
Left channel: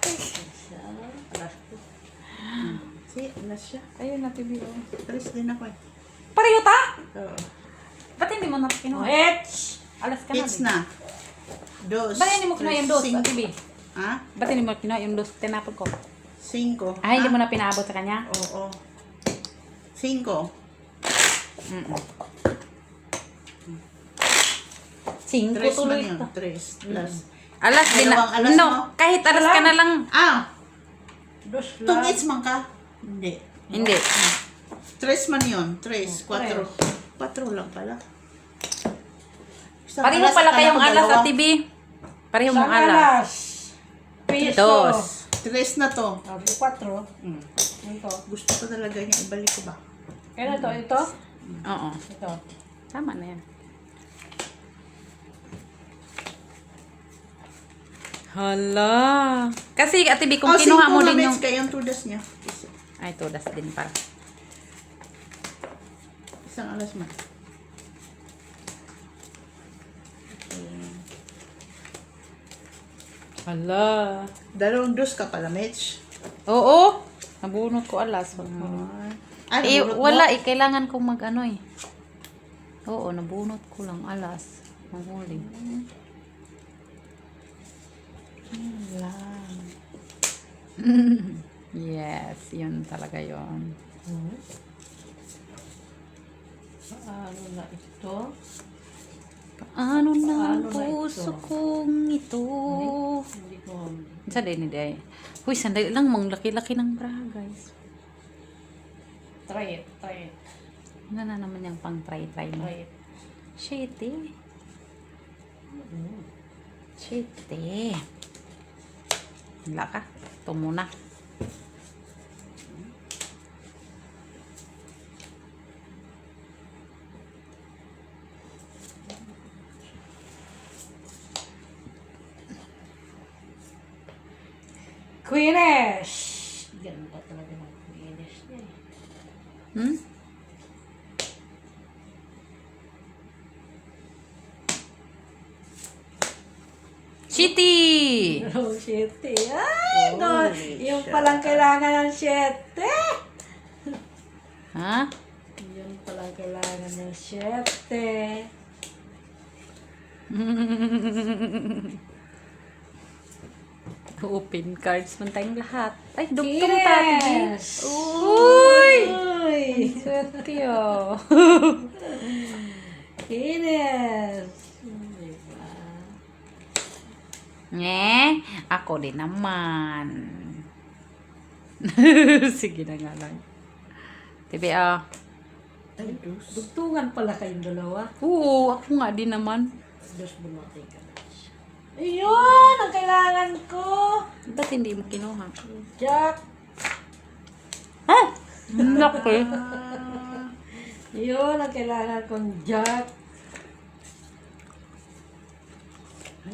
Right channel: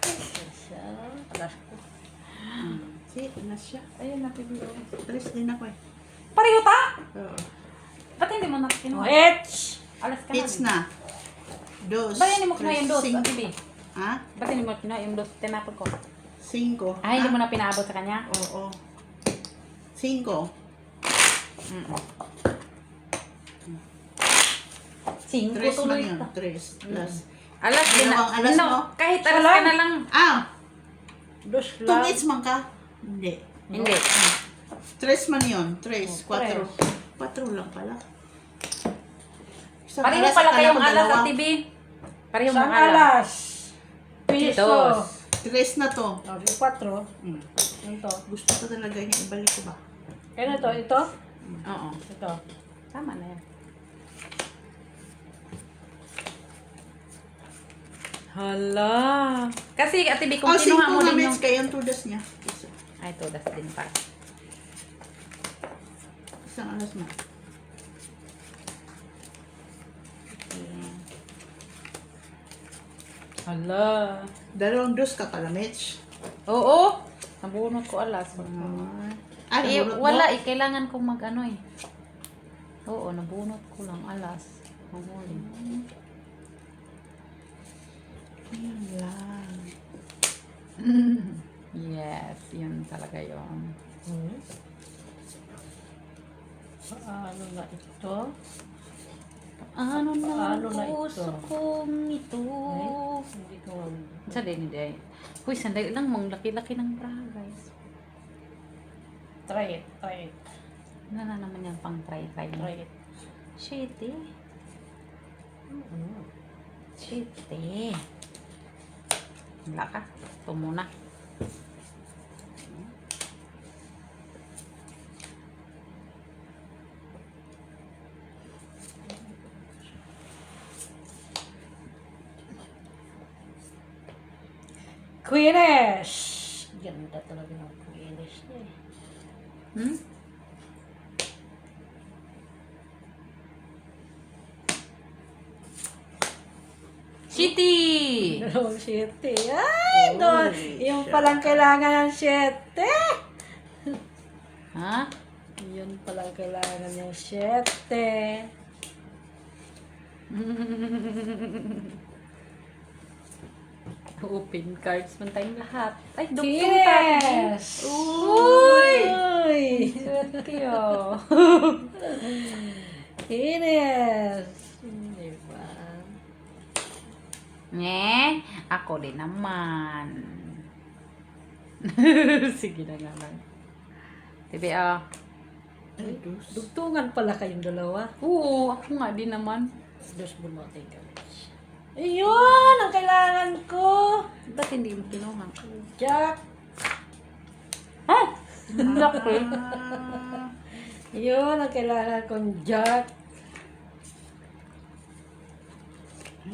Si, na siya. Ayun na, Tibi. Alis din ako eh. Pareho ta? Oo. Ba't hindi mo na kinuha? It's! Alas ka It's na. na. dos, Ba't hindi mo kinuha yung dos, cinco. Ate B? Ha? Ba't hindi mo kinuha yung dos? Tinapon ko. 5. Ay, hindi mo na pinaabot sa kanya? Oo. 5. Mm-mm. 5 Tres man tuloy yun. ito. 3 plus. Alas din na. Dalawang alas no, mo? kahit alas ka na lang. Ah! Dos lang. Tungits man ka? Hindi. Hindi. 3 man yun. 3, 4. tres. 4 lang pala. Isang Pareho alas, pala akala kayong ko alas dalawa. sa TV. Pareho Isang mong alas. alas. Piso. Dos. 3 na to. Oh, 4. Hmm. Ito. Gusto ko talaga niya. Ibalik ko ba? Kaya to, ito. Oo. Ito. Tama na yan. Hala. Kasi Ate B, kung Oh, 5 kinuha mo nga din mets yung... kayo yung tudas niya. Isa. Ay, todas din pala. Isang alas man. Hala. Dalawang dos ka pala, Mitch. Oo. Nabunot ko alas. Ay, Eh, nabunot mo? wala eh. Kailangan kong mag-ano eh. Oo, nabunot ko lang alas. Mahuli. Yun lang. Yes, yun talaga yun. Paano na ito? Paano na Paano ang na ito? puso kong ito? Hindi ko. Sa din day. Uy, sandali lang mong laki-laki ng bra, guys. Try it. Try it. Ano na naman yung pang try-try mo? Try it. Shitty. Shitty. Wala ka. Ito muna. Queenish! Ganda talaga ng Queenish niya eh. Hmm? Shitty! Oh, shete. Ay, no. Holy Yung shit. palang kailangan ng shete. Ha? Yun palang kailangan ng shete. Open cards man tayong lahat. Ay, dugtong tayo. Yes! Uy! Uy! Swerte oh. Ines! Diba? Nye, ako din naman. Sige na nga lang. Tibi ah. Ay, dos. Dugtungan pala kayong dalawa. Oo, ako nga din naman. Diyos bumatay ka na. Ayun! Ang kailangan ko! Ba't hindi mo kinuha? Jack! Ha? Okay. Ah, Yun ang kailangan kong Jack.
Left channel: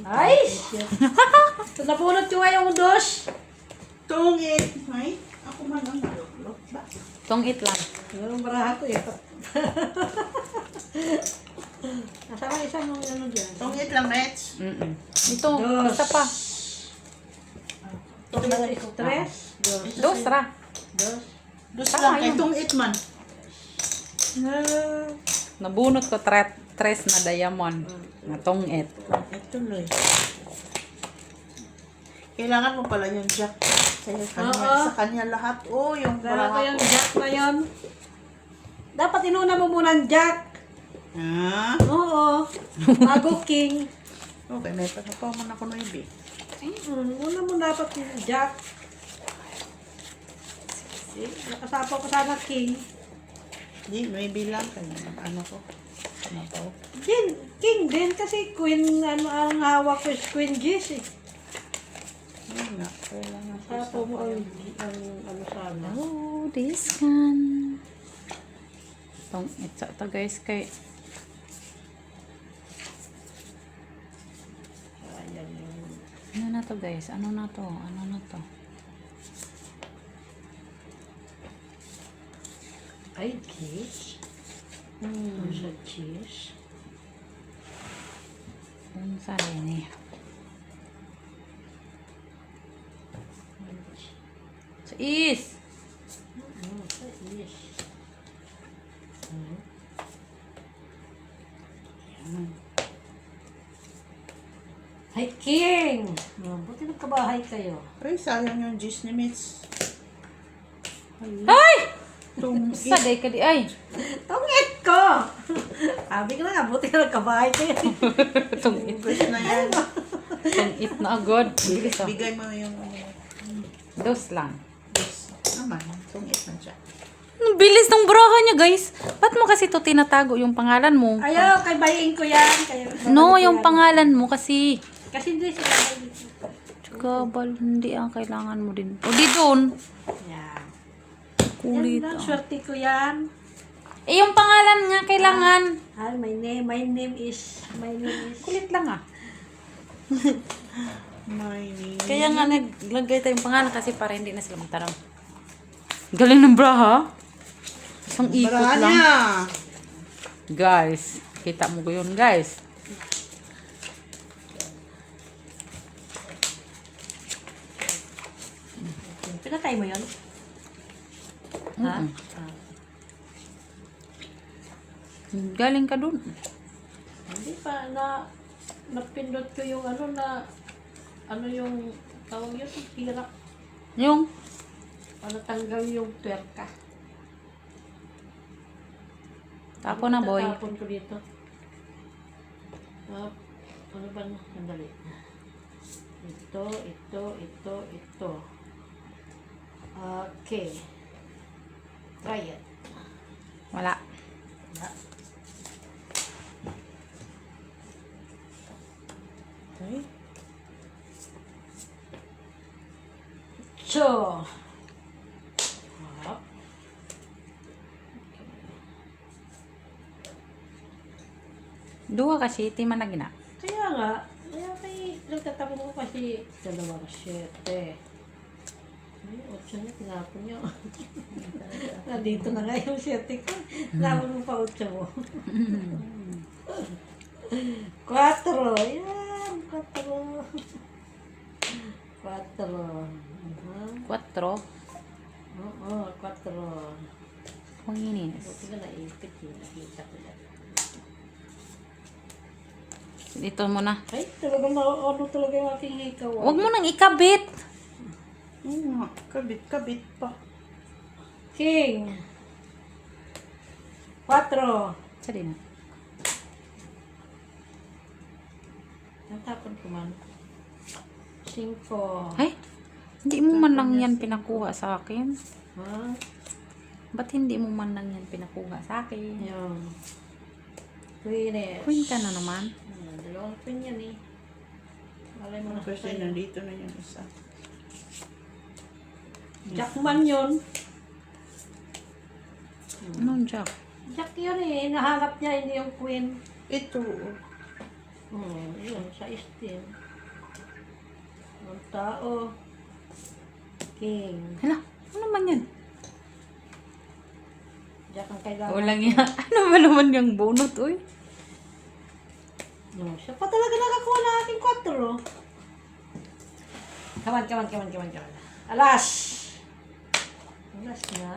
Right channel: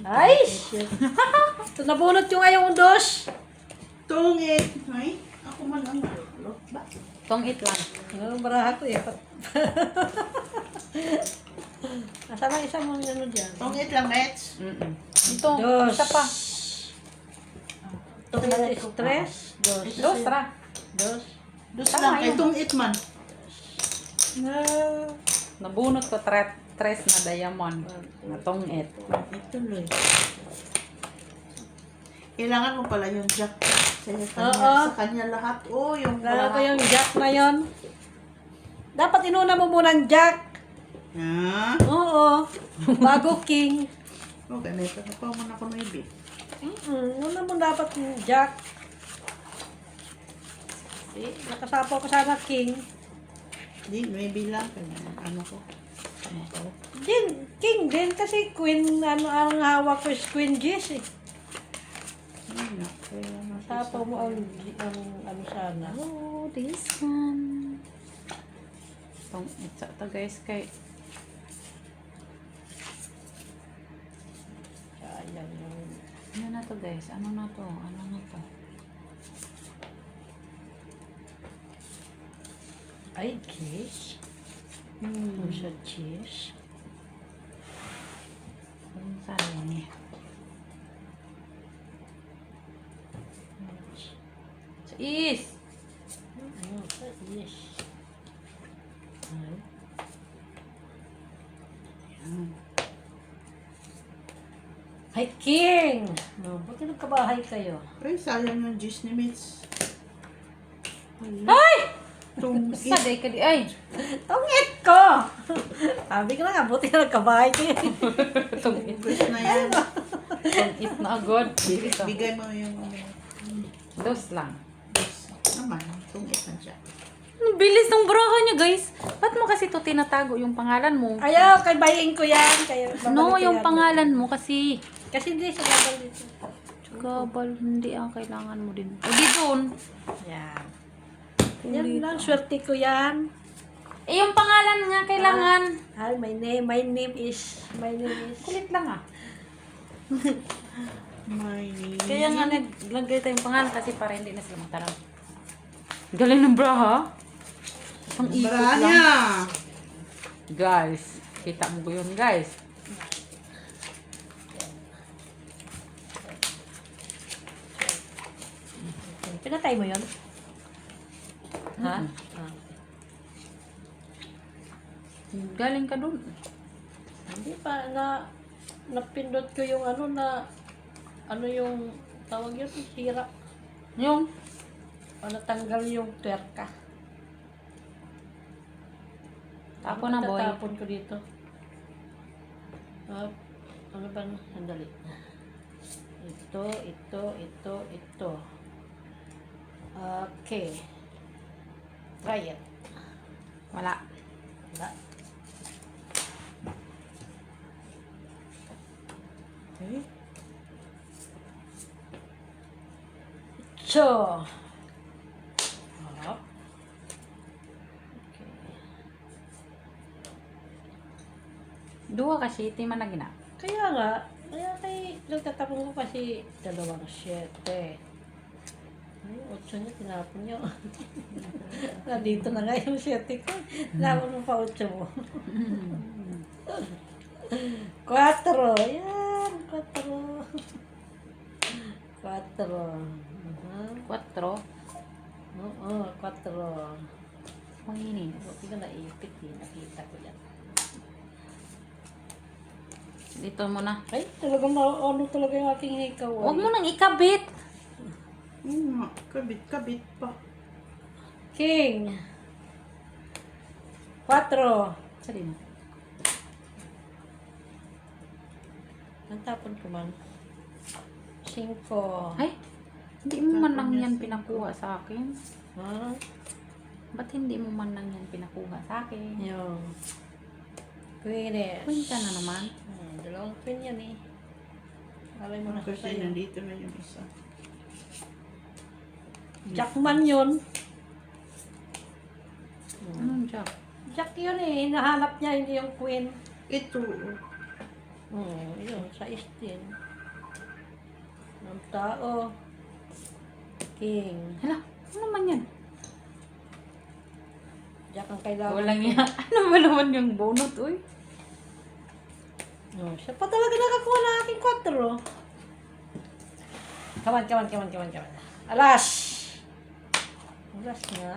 Ay! Ito napulot yung ayong dos. tungit. Ay, ako man ang malulot ba? Tongit lang. Yung baraha ko eh. Nasama isang mga ano dyan. Tungit lang, Mets. Mm-mm. Ito, Dos. isa pa. Tres. Tres. Dos. Dos, ra. Dos. Dos Tama lang, kay yun. tungit man. Nabunot ko tres na diamond. Na tongit. Ituloy. Kailangan mo pala yung jack. Oo. Sa kanya lahat. Oh, yung Kala ko baraha yung ko. Jack na yun. Dapat inuna mo muna ang Jack. Ah, Oo. Bago King. okay, may pa man ako ng ibi. Una mo dapat yung Jack. See, nakasapaw ko sana King. Di, may bilang kanya. Ano ko? Ano ko? King din kasi Queen, ano ang hawak ko is Queen Jess eh. Yun nga. Kailangan ko Sapaw mo sa ang ano sana. Oh, this one. Pang ito guys kay Ayan yun. ano na to guys? Ano na to? Ano na to? Ay, cheese. Ano sa cheese? Ang sarili. Sa is. Ano sa cheese? Ay. Yan. Ay, King! No, buti nagkabahay kayo. Ay, sayang yung gis ni Mitch. Ay! Tungit. Saday ka di ay. Tungit ko! Sabi ko na nga, buti nagkabahay kayo. Tungit. Guys na yan. Tungit na agad. Bilis ah. Bigay mo yung Dos lang. gis. Naman, tungit na siya. Ang bilis ng buraha niya, guys. Ba't mo kasi to tinatago yung pangalan mo? Ayaw, kay bayin ko yan. Kaya, No, yung pangalan mo kasi. Kasi hindi sila dito. Gabal, hindi ang kailangan mo din. O di doon. Yan. Kulit. Yan lang, swerte ko yan. Eh, yung pangalan nga kailangan. Hi, my name is, Kulit lang ah. My name. Kaya nga naglagay tayong pangalan kasi para hindi na sila mataraw. Galing ng bra ha? Isang ikot Barahan lang. niya. Guys, kita mo ko yun guys. Pinatay mo yun? Ha? Mm-mm. Ah. Galing ka dun. Hindi pa napindot ko yung yung tawag yun, tira. Yung, Tanggal yung tuwerka. tapo na boy. Tatapon ko dito. Ano ba? Sandali. Ito. Okay. Try it. Wala. Wala. Okay. So. Duha kasi, iti man na gina. Kaya nga, nagkatapo ko kasi 2-7. Ay, 8 niya, tinapon niya. Nandito na nga yung 7 ko. Tinapon mo pa 8 mo. 4. Yan, 4. 4. Quatro. Oo, 4. Panginis. Buti ka naipit eh. Nakita ko yan. Dito mo na. Ay, talagang talaga yung aking ikaw. Huwag mo nang ikabit. Oo nga, kabit pa. King. 4. Sa din. Natapon ko man. 5. Ay, hindi mo man lang yan pinakuha sa akin. Ha? Ba't hindi mo man lang yan pinakuha sa akin? Yun. Queen. Queen ka na naman. Dalawang queen yan eh. Alay mo na Kasi sa'yo. nandito na yung isa. Jackman yun. Anong jack? Jack yun eh. Nahanap niya hindi yung queen. Ito. Yun. Sa istin. Ang tao. King. Hala, ano naman yan? Jack ang kailangan. Walang yan. Ano ba naman yung bunot, uy? No, siya pa talaga nakakuha na aking 4. Kaman. Alas! Alas nga.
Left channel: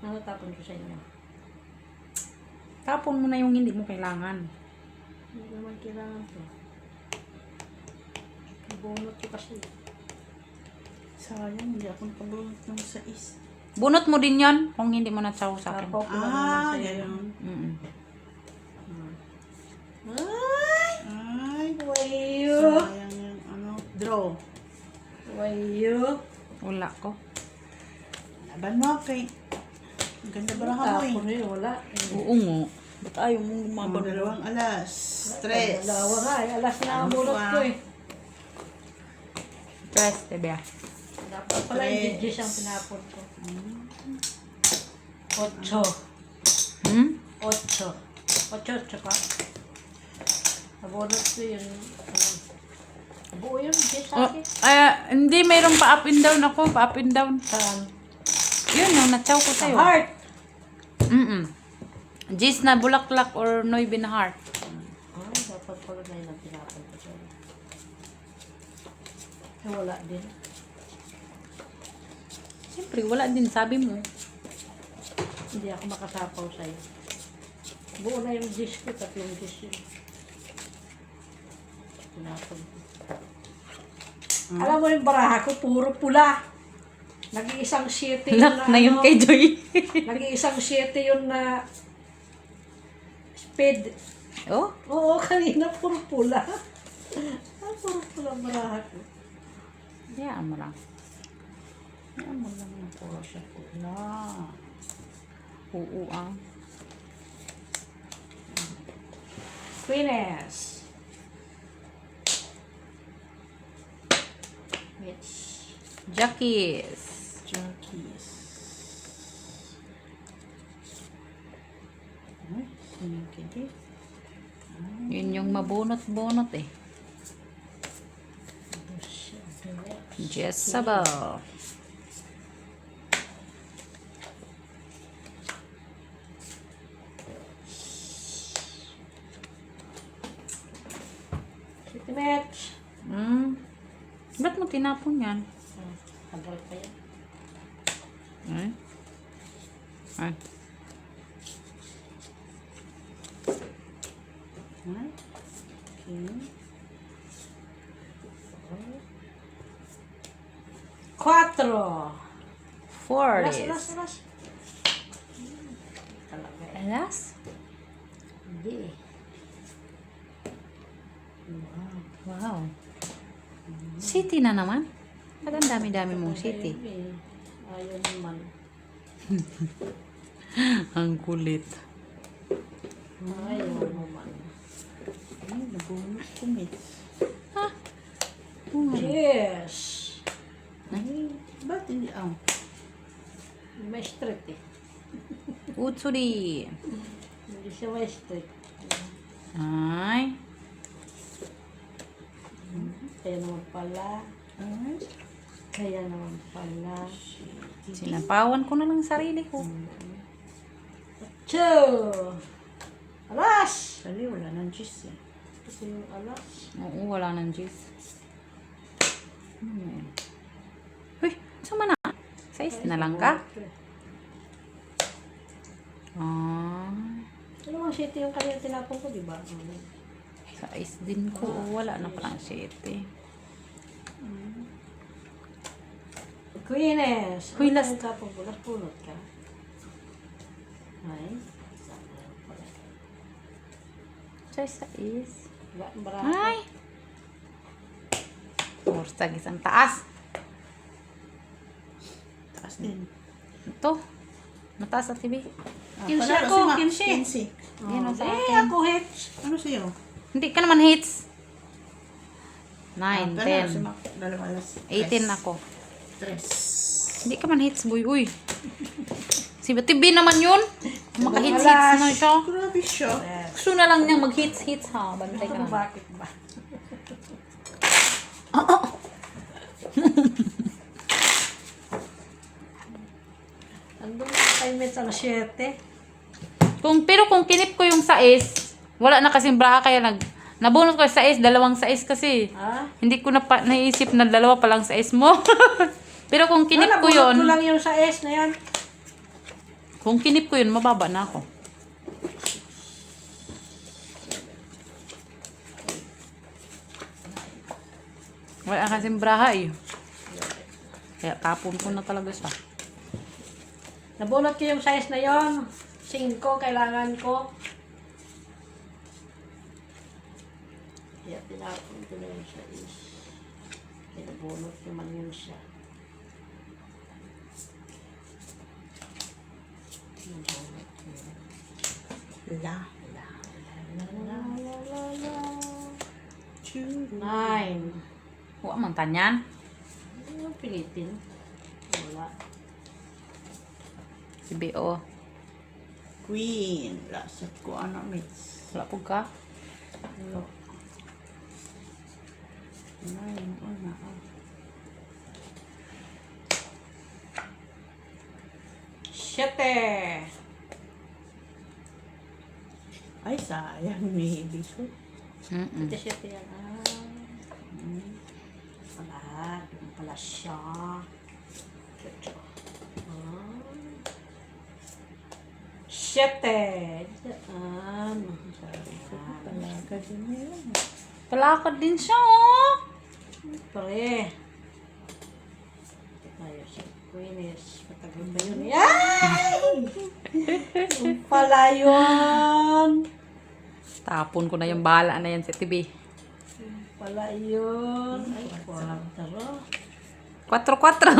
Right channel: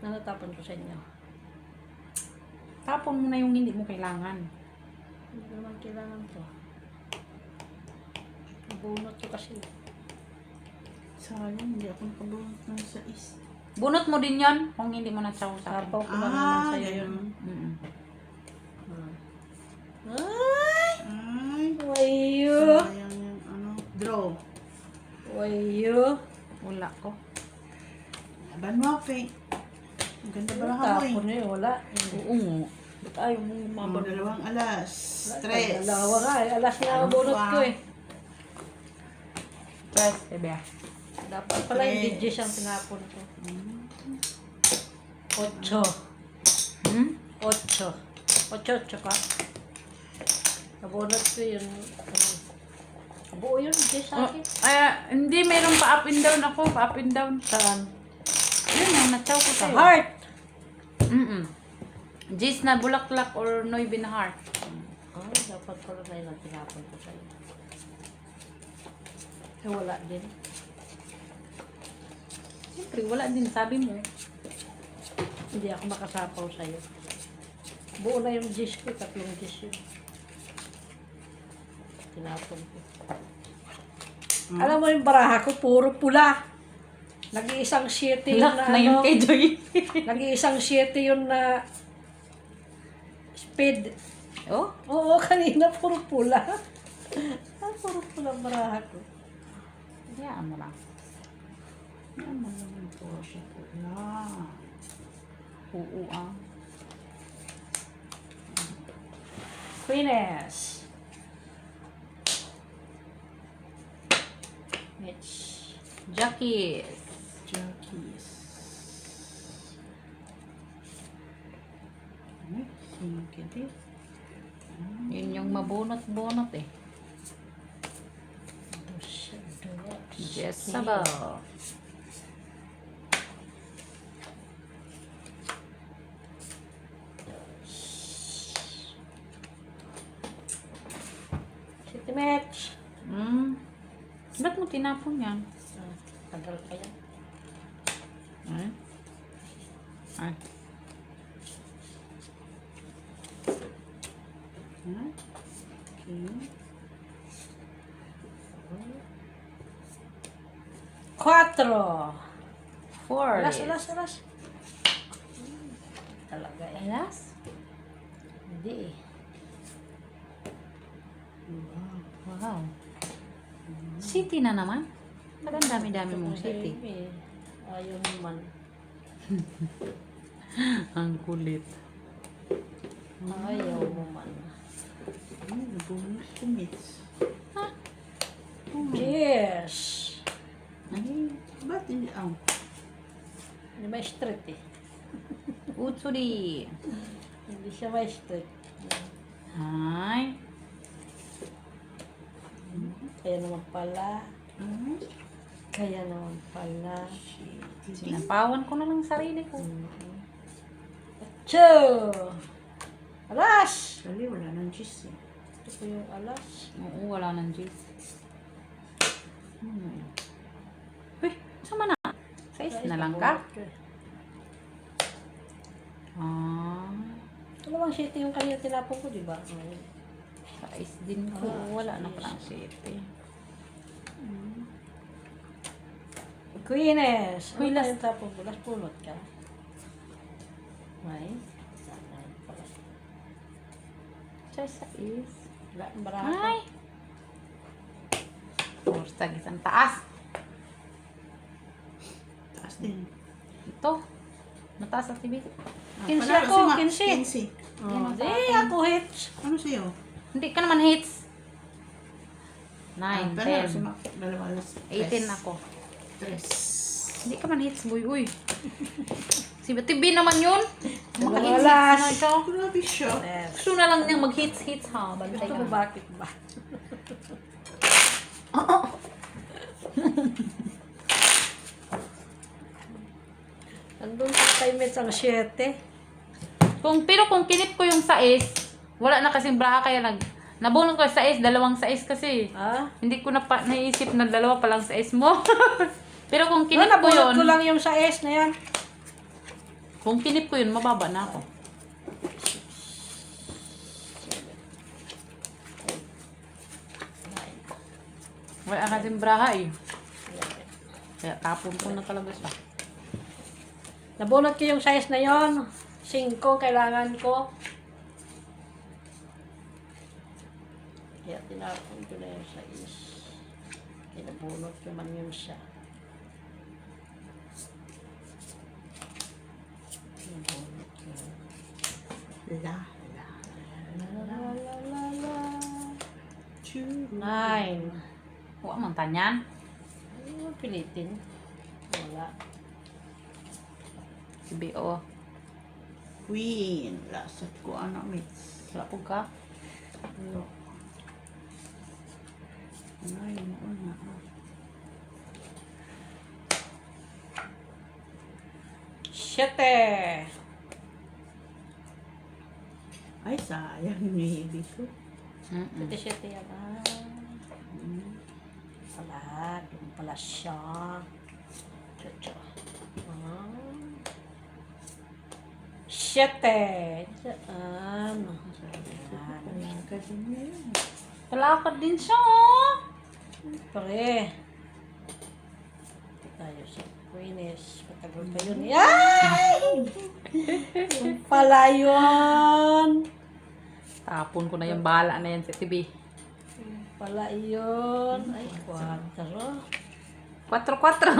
Nanatapon ko sa inyo. Tapon mo na yung hindi mo kailangan. Hindi naman kailangan to. Bunot ko kasi. Sayang, hindi ako nakabunot ng 6. Bunot mo din yan kung hindi mo natsaw sa akin. Tapaw ko na naman sa'yo. Ganun. Mm-mm. Ay! Ay, Wayo! sayang yung draw. Wayo! Wala ko. Laban mo, kay. Ang ganda baraha mo eh. Tapon na yun, wala. Oo nga. Ba't ayaw mo Mga lumaban? dalawang alas. Stress. Dalawa nga eh. Alas na ang Ano bunot pa? ko eh. Stress, bebe. Dapat pala yung digis ang tinapon ko. 8. Hmm? 8 pa. Nabunot ko yun. Buo yun, digis sa akin. Hindi, mayroong pa up and down ako. Pa up and down. Saan? Yun, yung natsaw ko Sa sa'yo. heart. Gis na bulaklak or noy bin heart. Dapat pala na yun ang tinapon ko sa'yo. Wala din. Siyempre, wala din. Sabi mo. Hindi ako makasapaw sa'yo. Buo na yung dish ko, pati yung dish yun. tinapon ko. Alam mo yung baraha ko, puro pula. Nag-iisang 7 yun Lock na yung ano, kay Joy. nag-iisang 7 yun na speed. Oh, Oo, kanina puro pula. Puro pula ang baraha ko. diyan mo lang. Yan mo lang yung puro siya pula. Oo, ah. Queeness. Mitch. Jackies. Jackies. Ay, singkit eh. Yun yung mabunot-bunot eh. Jezebel. City match. Ba't mo tinapon yan? Tagal pa yan. Ay. Ay, king. 4. Four Alas, is. alas, alas. Talaga eh. Alas? Hindi eh. Wow. Wow. City na naman. Ba't ang dami-dami mong city? Eh, ayaw naman. Ang kulit. Ayaw naman. Ay, nabunot ko, Mitch. Yes. Ay, ba't hindi ang? May street eh. Utsuri. Hindi siya may street. Ay. Kaya naman pala. Ay, Kaya naman pala. Sinapawan ko na lang sarili ko. Cho! Alas! Sali, wala nang cheese eh. Ito yung alas. Oo, wala nang juice. Ano na yun? Uy, saan na? Size na lang ka? Ano bang shit yung kanina tinapon ko, di ba? Size din ko. Wala na parang shit eh. Queeness! Uy, Ano last- yung tapon ko? Last punot ka? Ay? Sana pala. Size. Wala, barako. Ay! Basta gisang taas. Taas din. Ito. Mataas sa TV. Panalo ako, si Max, 15. 15. Yan ang sa Eh, akin. ako hits. Ano sa'yo? Hindi ka naman hits. 9, Panalo si 10. Max. Dalawa alas. 18 ako. 3. Hindi ka man hits, boy. Uy. Si TV naman yun. Maka-hits Wala. na siya. Grabe siya. Gusto na lang niyang mag-hits ha. Bantay Ito ka. bakit ba? Andun sa time minutes ang 7. Pero kung kinip ko yung sais, wala na kasing bra kaya nabunot ko yung sais, dalawang sais kasi. Ha? Hindi ko na naisip na dalawa pa lang sais mo. Pero kung kinip Wala, ko bunot yun, ko lang yung sa S na yan. kung kinip ko yun, mababa na ako. Wala kasing braha eh. Kaya tapon ko na talaga siya. Nabunot ko yung size na yon. 5 kailangan ko. Kaya tinapon ko na yung size. Kaya nabunot ko man yun siya. Nabunot ko yun. La. La la la la la. Churu. 9. Huwag mang kanyan. Ano pilitin? Wala. Si B.O. Queen. Lasat ko anak, Mitch. Wala po ka. Lo. Nine mo na. Siyete. Ay, sayang ni ibig ko. Mm-mm. Siyete yan. Wala. Doon pala siya. Chuchu. Siyete. Diyan. Sabi ko, palaga din yun. Palakad din siya, oh. Pare. Tayo sa Queenish. Matagal pa yun. Yay! Yung pala yun. Tapon ko na yung bala na yan sa TV. Yung pala yun. Ay, 4. 4-4.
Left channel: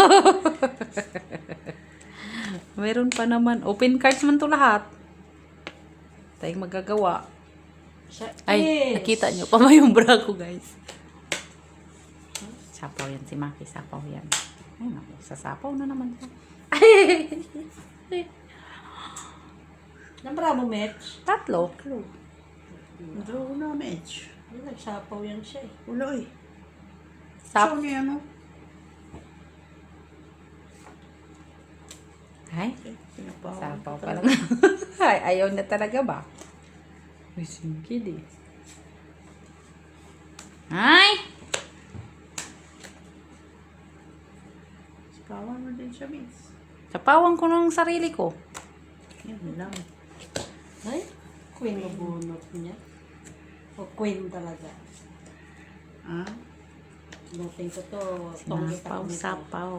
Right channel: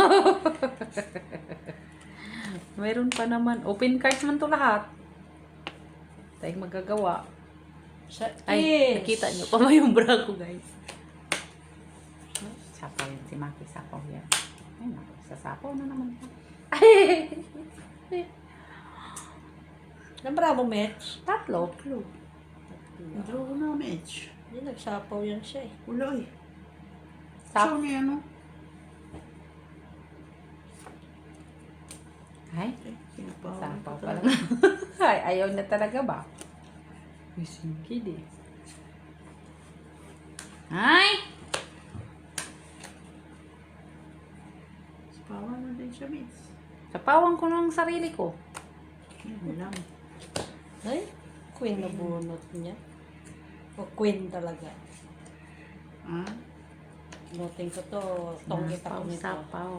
Mayroon pa naman. Open cards man to lahat. Tayong magagawa. Sa Ay, is. nakita nyo pa ba yung bra ko, guys? Sapaw yan. Si Maki, sapaw yan. Ay, naku, sasapaw na naman siya. Nambara mo, Mitch? Tatlo. Draw na, Mitch. Hindi, nagsapaw yan siya eh. Wala eh. Sap- Show niya ano? Ay, Eh, pinapawan sapaw ko pa talaga. lang. Ay, ayaw na talaga ba? Uy, singkid eh. Ay! Sipawan mo din siya, Mitch. Sapawan ko ng sarili ko. Yan lang. Ay, Queen na bunot niya. O Queen talaga. Ah? Noting ko to. Tonggit ako nito. Sapaw.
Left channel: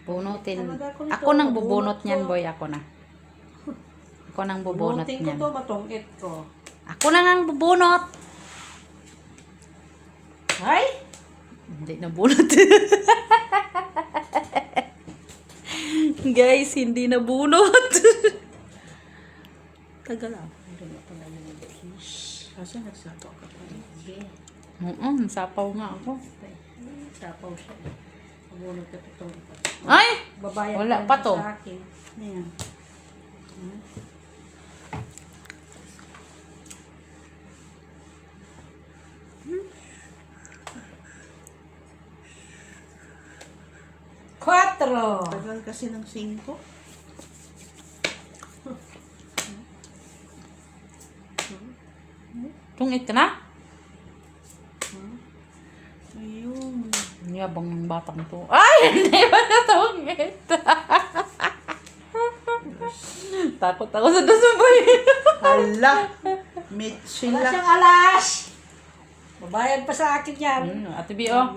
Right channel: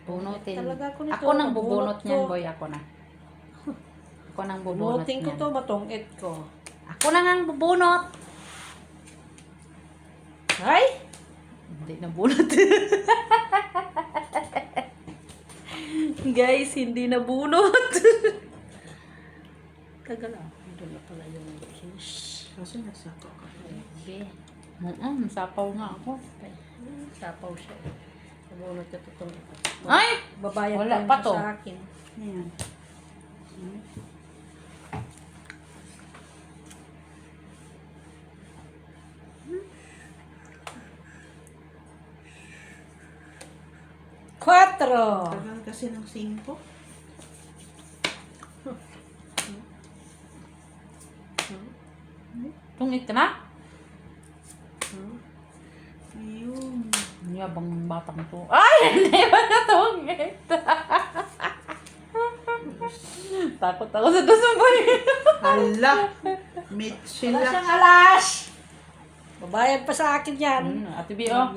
Bunutin. Talaga ako nito. Ako nang bubunot Bunot niyan, ko. boy. Ako na. Ako nang bubunot Noting ko niyan. to, matongit ko. Ako na nang bubunot. Ay! Hindi na bunot. Guys, hindi na bunot. Tagal ah. Ito na pala yung fish. Kasi nagsapaw ka pa eh. Sapaw nga ako. Ay, sapaw siya. Pabunot ko to tong ito. Ay! Babayan Wala pa pa niya to. sa akin. Yan. Quatro! Tagal kasi ng 5. Tungit ka na? Ayun. Yabang ng batang to. Ay! Hindi ba na tungit? Takot ako sa dasuboy. Hala! Mitch Wala sila. siyang alas! Babayad pa sa akin yan. Ate B, oh.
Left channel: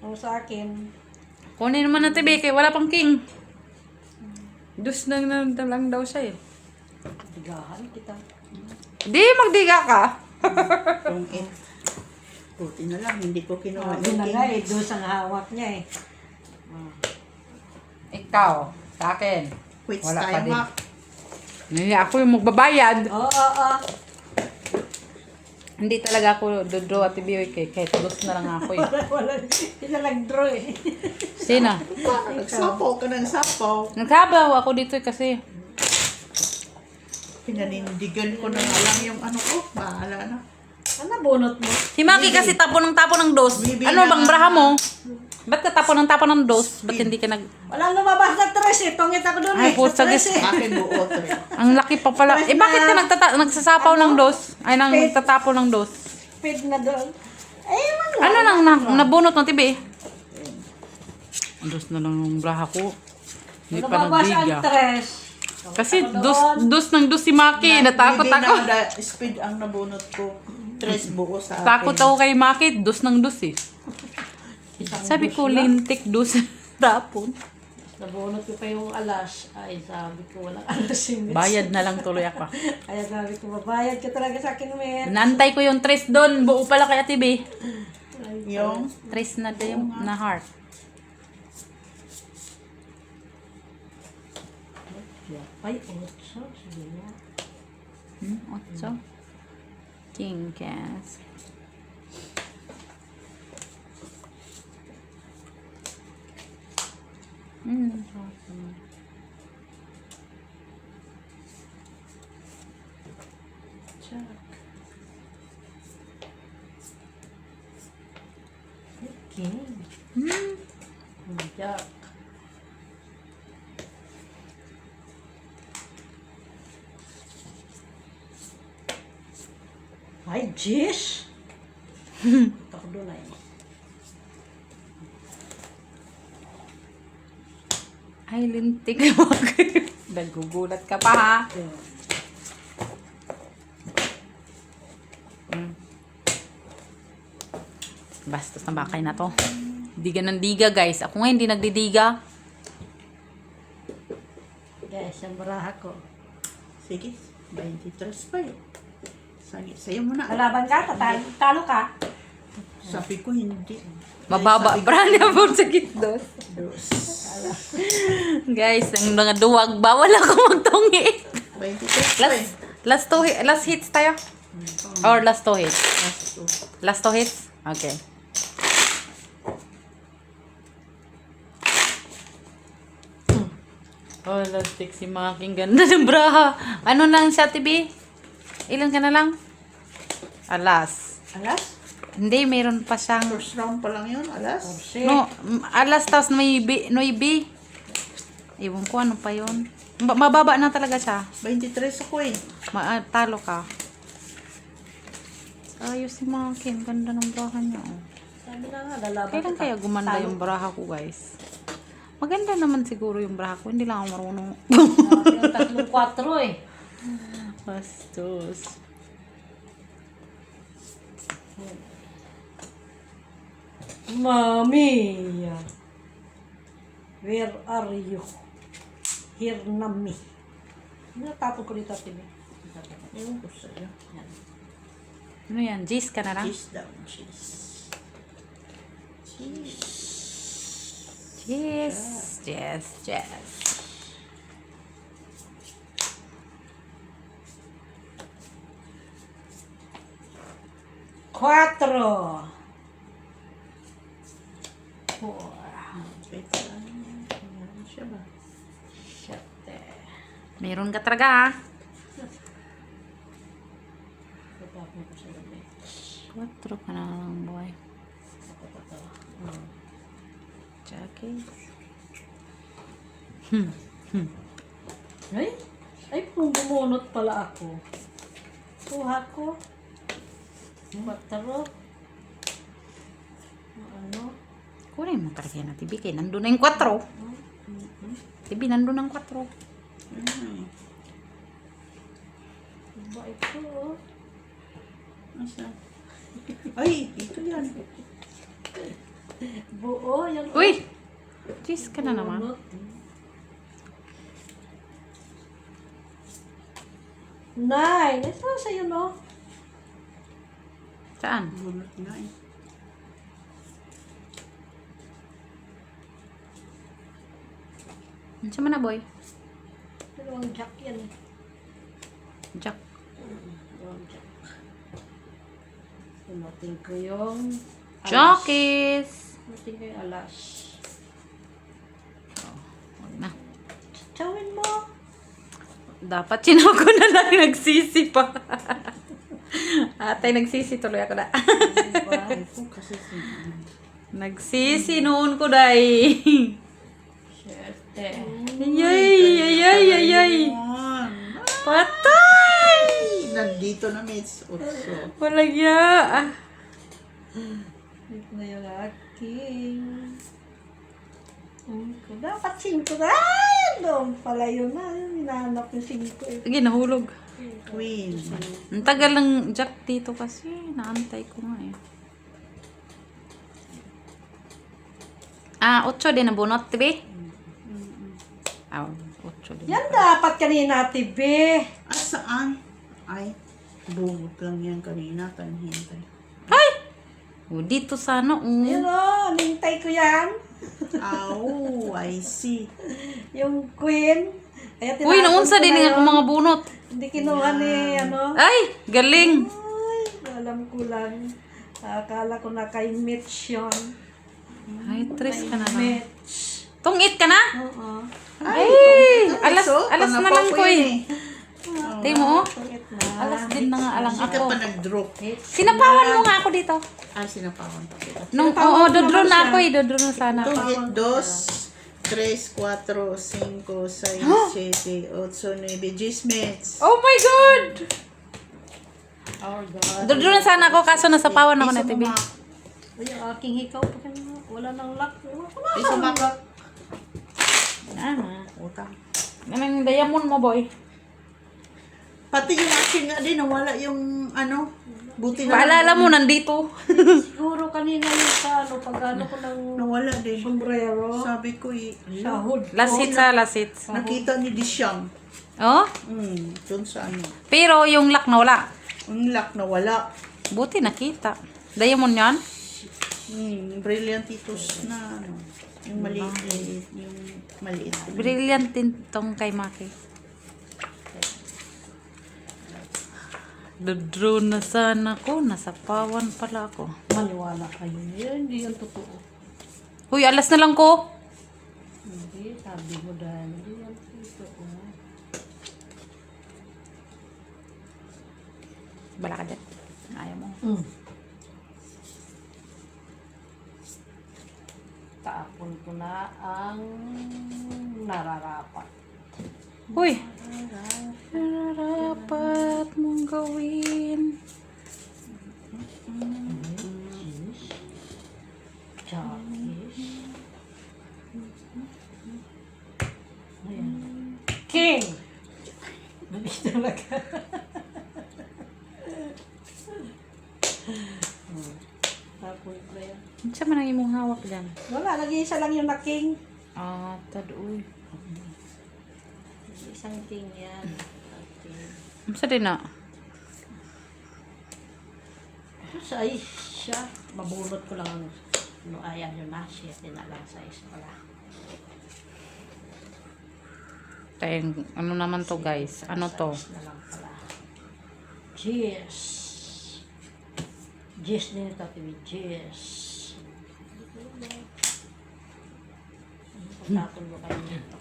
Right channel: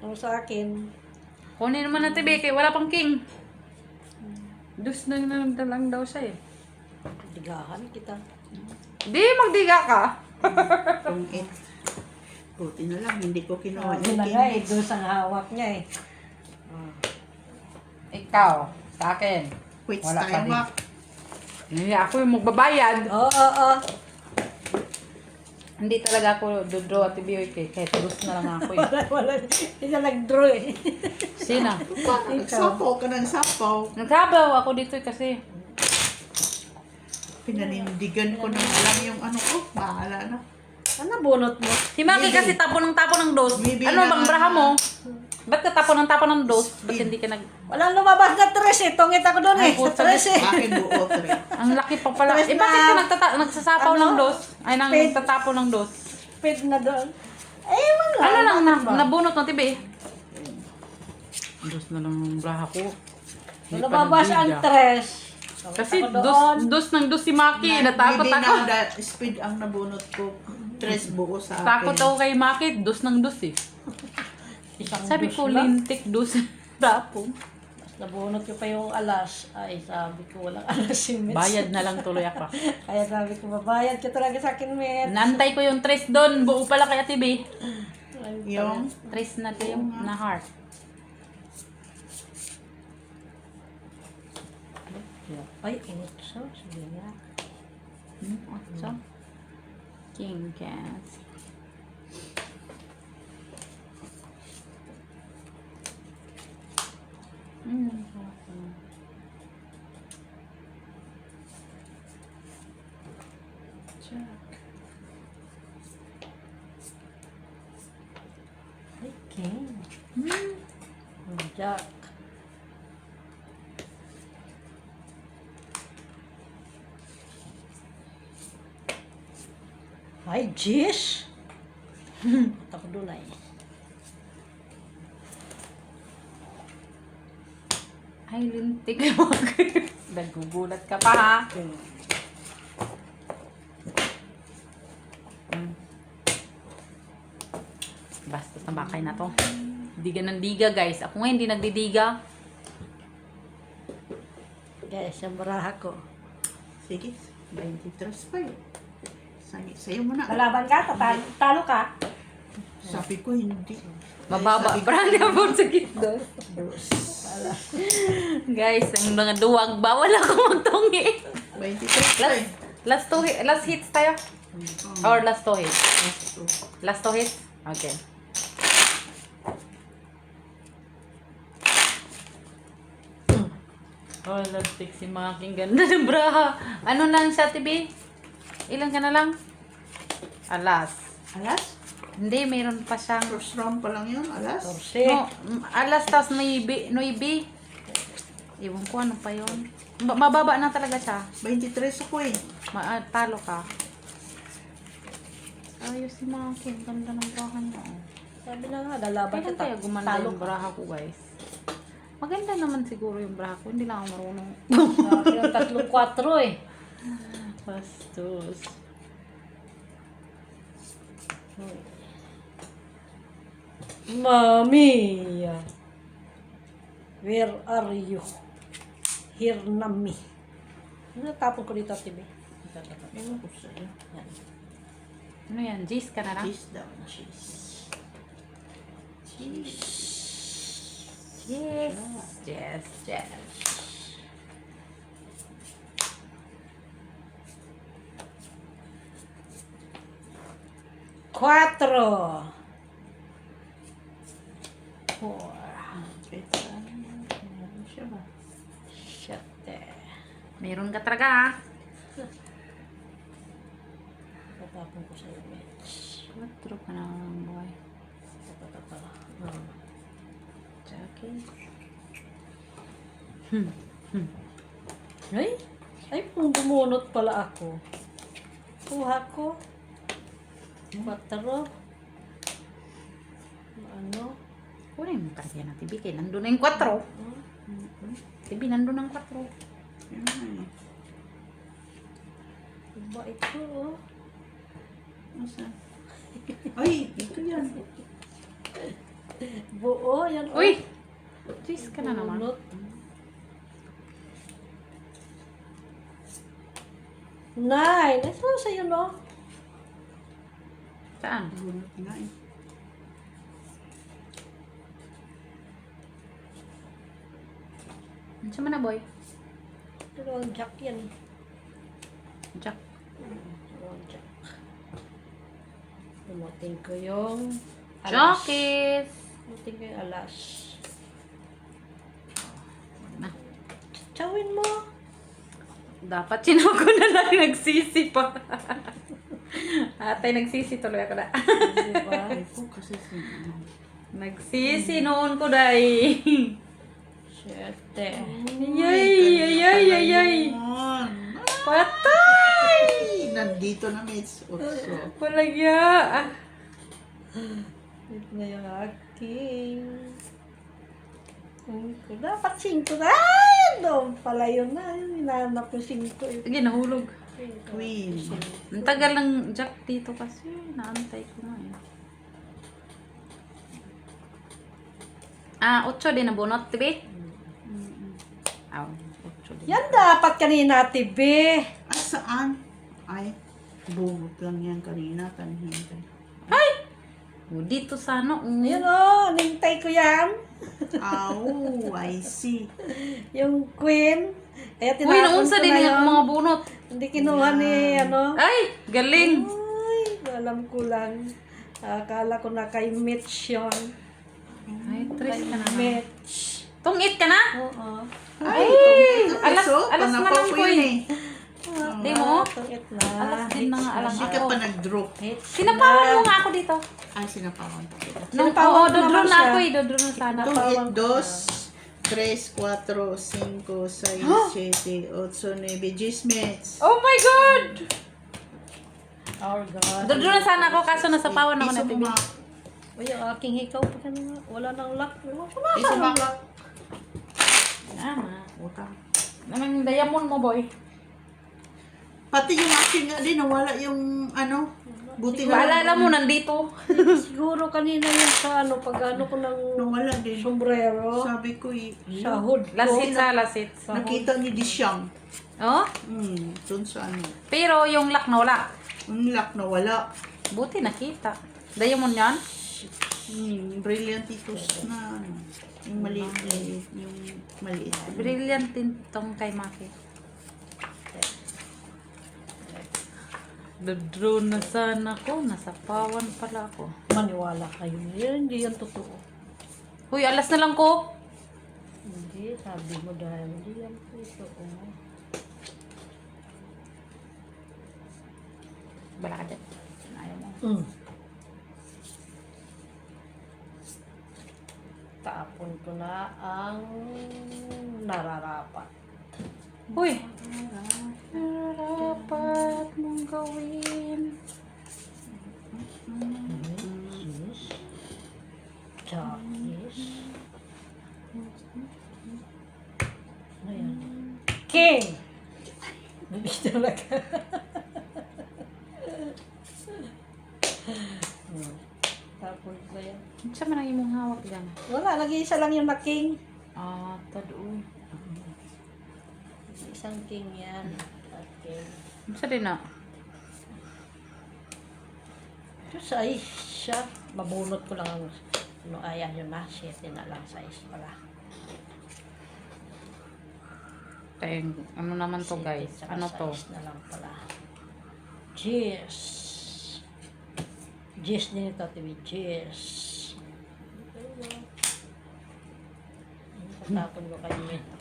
Ano sa akin? Kunin naman Ate B, kaya wala pang king. Dus na lang daw siya eh. Bigahan kita. Di, magdiga ka. Itong in. Buti na lang, hindi ko kinuha Yun yung na king nga eh, Mitch. dos ang hawak niya eh. Ikaw, sa akin. Quits Wala pa tayo, din. Mac. Hindi, ako yung magbabayad. Oo, oo. Hindi talaga ako dodraw Ate B, kahit dus na lang ako eh. Wala, hindi na nag-draw eh. Sino? Nagsapaw ka ng sapaw. Nagkabaw ako dito eh, kasi Pinanindigan ko na nga lang yung ano ko. Bahala na. Ano bunot mo? si Maki kasi tapo ng dos. Maybe Ano na- bang braha mo? Ba't ka tapo ng dos? Ba't hindi ka nag... Walang lumabas na tres eh. Tungit ako doon Ay, eh. puta, Sa tres eh. Akin buo, tre. Ang laki pa pala. Tres Eh bakit na- ka nagsasapaw ng dos? Ay, nang Pet. tatapo ng dos. Speed na doon. Eh, ewan lang. Ano lang nabunot ng tibi? Dos na lang yung braha ko. Hindi pa Lumabas ang nagbiga. tres. Kasi Ako doon. dos si Maki. Natakot Maybe ako. na speed ang nabunot ko. Tres buo sa akin. Takot ako kay Maki. Dos eh. Isang Sabi dos ko, lang. lintik dos. Tapon. Nabunot ko pa yung alas. Ay, sabi ko, walang alas si Mitch. Bayad na lang tuloy ako. Kaya sabi ko, babayad ka talaga sa akin, Mitch. Nantay ko yung tres doon. Buo pala kay Ate B. Yung Tres na tayo na heart. Ay, otso. Sige na. So, Tinkas. Jack. Ay, king. Jack. Ay, jeez. Ako doon ay. Ay, lintik. Nagugulat ka pa ha. Bastos na bakay na to. Diga ng diga, guys. Ako nga hindi nagdidiga. Guys, yung baraha ko. Sige, 23 pa yun. Sayo mo na. Kalaban ka, talo ka. Sabi ko hindi. Mababa. Sabi ko, Brand po sa gitdos. dos. Guys, ang mga duwag. Bawal ako magtungi. 23 pa eh. Last hits tayo. Or last two hits. Last two. Last two hits? Okay. Oh, lastik si Making. Ganda ng braha. Ano lang siya, TV? Ilan ka na lang? Alas. Alas? Hindi, meron pa siyang... First round pa lang yun, alas? Torse. No, alas tapos may noibi. Iwan ko ano pa yun. Mababa na talaga siya. 23 ako eh. Talo ka. Ayos si Making. Ganda ng braha niya. Oh. Sabi na nga, lalaban Kailan kita. kaya gumanda Talo yung braha ko, guys? Maganda naman siguro yung braha ko. Hindi lang ako marunong. Yung 3-4 eh. Bastos. Mami. Where are you? Here na me. Natapon ko dito, Tibi. Ewan ko sa'yo. Ano yan? Gis ka na lang? Cheese down, cheese. Cheese. Yes. Yes. Yes. Cuatro. Four. Kahit saan. Meron siya ba? Siete. Meron ka talaga, ha? Tatapon ko sa labi. 4 ka na lang, boy. Jackie. Ay, kung bumunot pala ako. Kuha ko. Cuatro. Ano? Kunin mo talaga yan, Tibi. Kaya nandun na yung 4. Tibi, nandun ang 4. Yun na eh. Iba ito, oh. Asa? Ay, ito yan. Buo, yan. oh. Uy! Gis ka na naman. Bunot. Nine. Ito sa'yo, no? Saan? Bunot nga eh. Ano siya mo na, boy? Dalawang jack yan. Jack. Dalawang jack. Dumating ko yung alas. Jockeys! Dumating ko yung alas. Na. Tsawin mo. Dapat sinako na lang nagsisi pa. Atay, nagsisi tuloy ako na. Diba? Ay po kasi sino. Nagsisi noon ko, day. Siyete. Yay! Patay! Nandito na, mates. Otso. Walang ya. Ito na yung aking. Dapat 5 na. Ay! Doon pala yun na. Hinahanap yung 5 eh. Sige, nahulog. Queen. Ang tagal ng jack dito kasi. Naantay ko nga eh. 8 din ang bunot, tibi? Aw, 8 din. Yan dapat kanina, Tibi. Ah, saan? Ay, bungot lang yan kanina. Tanhintay. Ay! Dito sana. Yun o, nintay ko yan. Oh, I see. Yung queen. Kaya Uy, naunsa din yun. ang mga bunot. Hindi kinuha ni ano. Ay, galing. Ay, alam ko lang. Akala ko na kay Mitch yun. Ay, tres ka na. Mitch. Tungit ka na? Oo. Ay, alas na lang ko eh. Di mo? Tungit na. Alas din na nga alam Hindi ka ako. pa nag-draw. Sinapawan mo nga ako dito. Ay, sinapawan pa kita. Oo, dodro na ako eh. Dodro na sana. Itong 2, 3, 4, 5, 6, 7, 8, 9, 10 minutes. Oh my God! Our God. Dodro na sana ako kaso nasapawan ako na Piso TV. mo, Uy, yung aking hikaw pa ka na. Wala nang lock. Wala Piso nang mo. lock. Tama. Utang. Anong diamond mo, boy? Pati yung akin nga din, nawala yung ano. Buti na Paalala mo, nandito. Siguro kanina yung sa ano, pag ano ko ng nawala din. sombrero. Sabi ko Sa hood ko. Lasit sa lasit. nakita ni Dishang. Oh? Doon sa ano. Pero yung lock na wala. Ang lock nawala. Buti nakita. Diamond yan? Brilliantitos na ano. Yung maliit. Yung maliit. Brilliant din tong kay Maki. Drone na sana ko. Nasa pawan pala ako. Maniwala kayo na yan, hindi yan totoo. Huy, alas na lang ko. Hindi, sabi mo dahil hindi yan totoo. Bala ka dyan. Ayaw mo. Taapon ko na ang nararapat. Huy. Dapat mong gawin. Chakis. Ayan. King! Mabis talaga. Tapos na yan. Saan man ang imong hawak dyan? Wala, lagi isa lang yung na king. Ah, tadoy. Isang king yan. Okay. Masa din na? Size siya. Mabunot ko lang ang ano, ayan yun na. 7 na lang size pala. Tayong, ano naman to guys? Ano to? Size na lang pala. Cheers. Cheers din ito, TV. Cheers. Patapon ko kayo nito.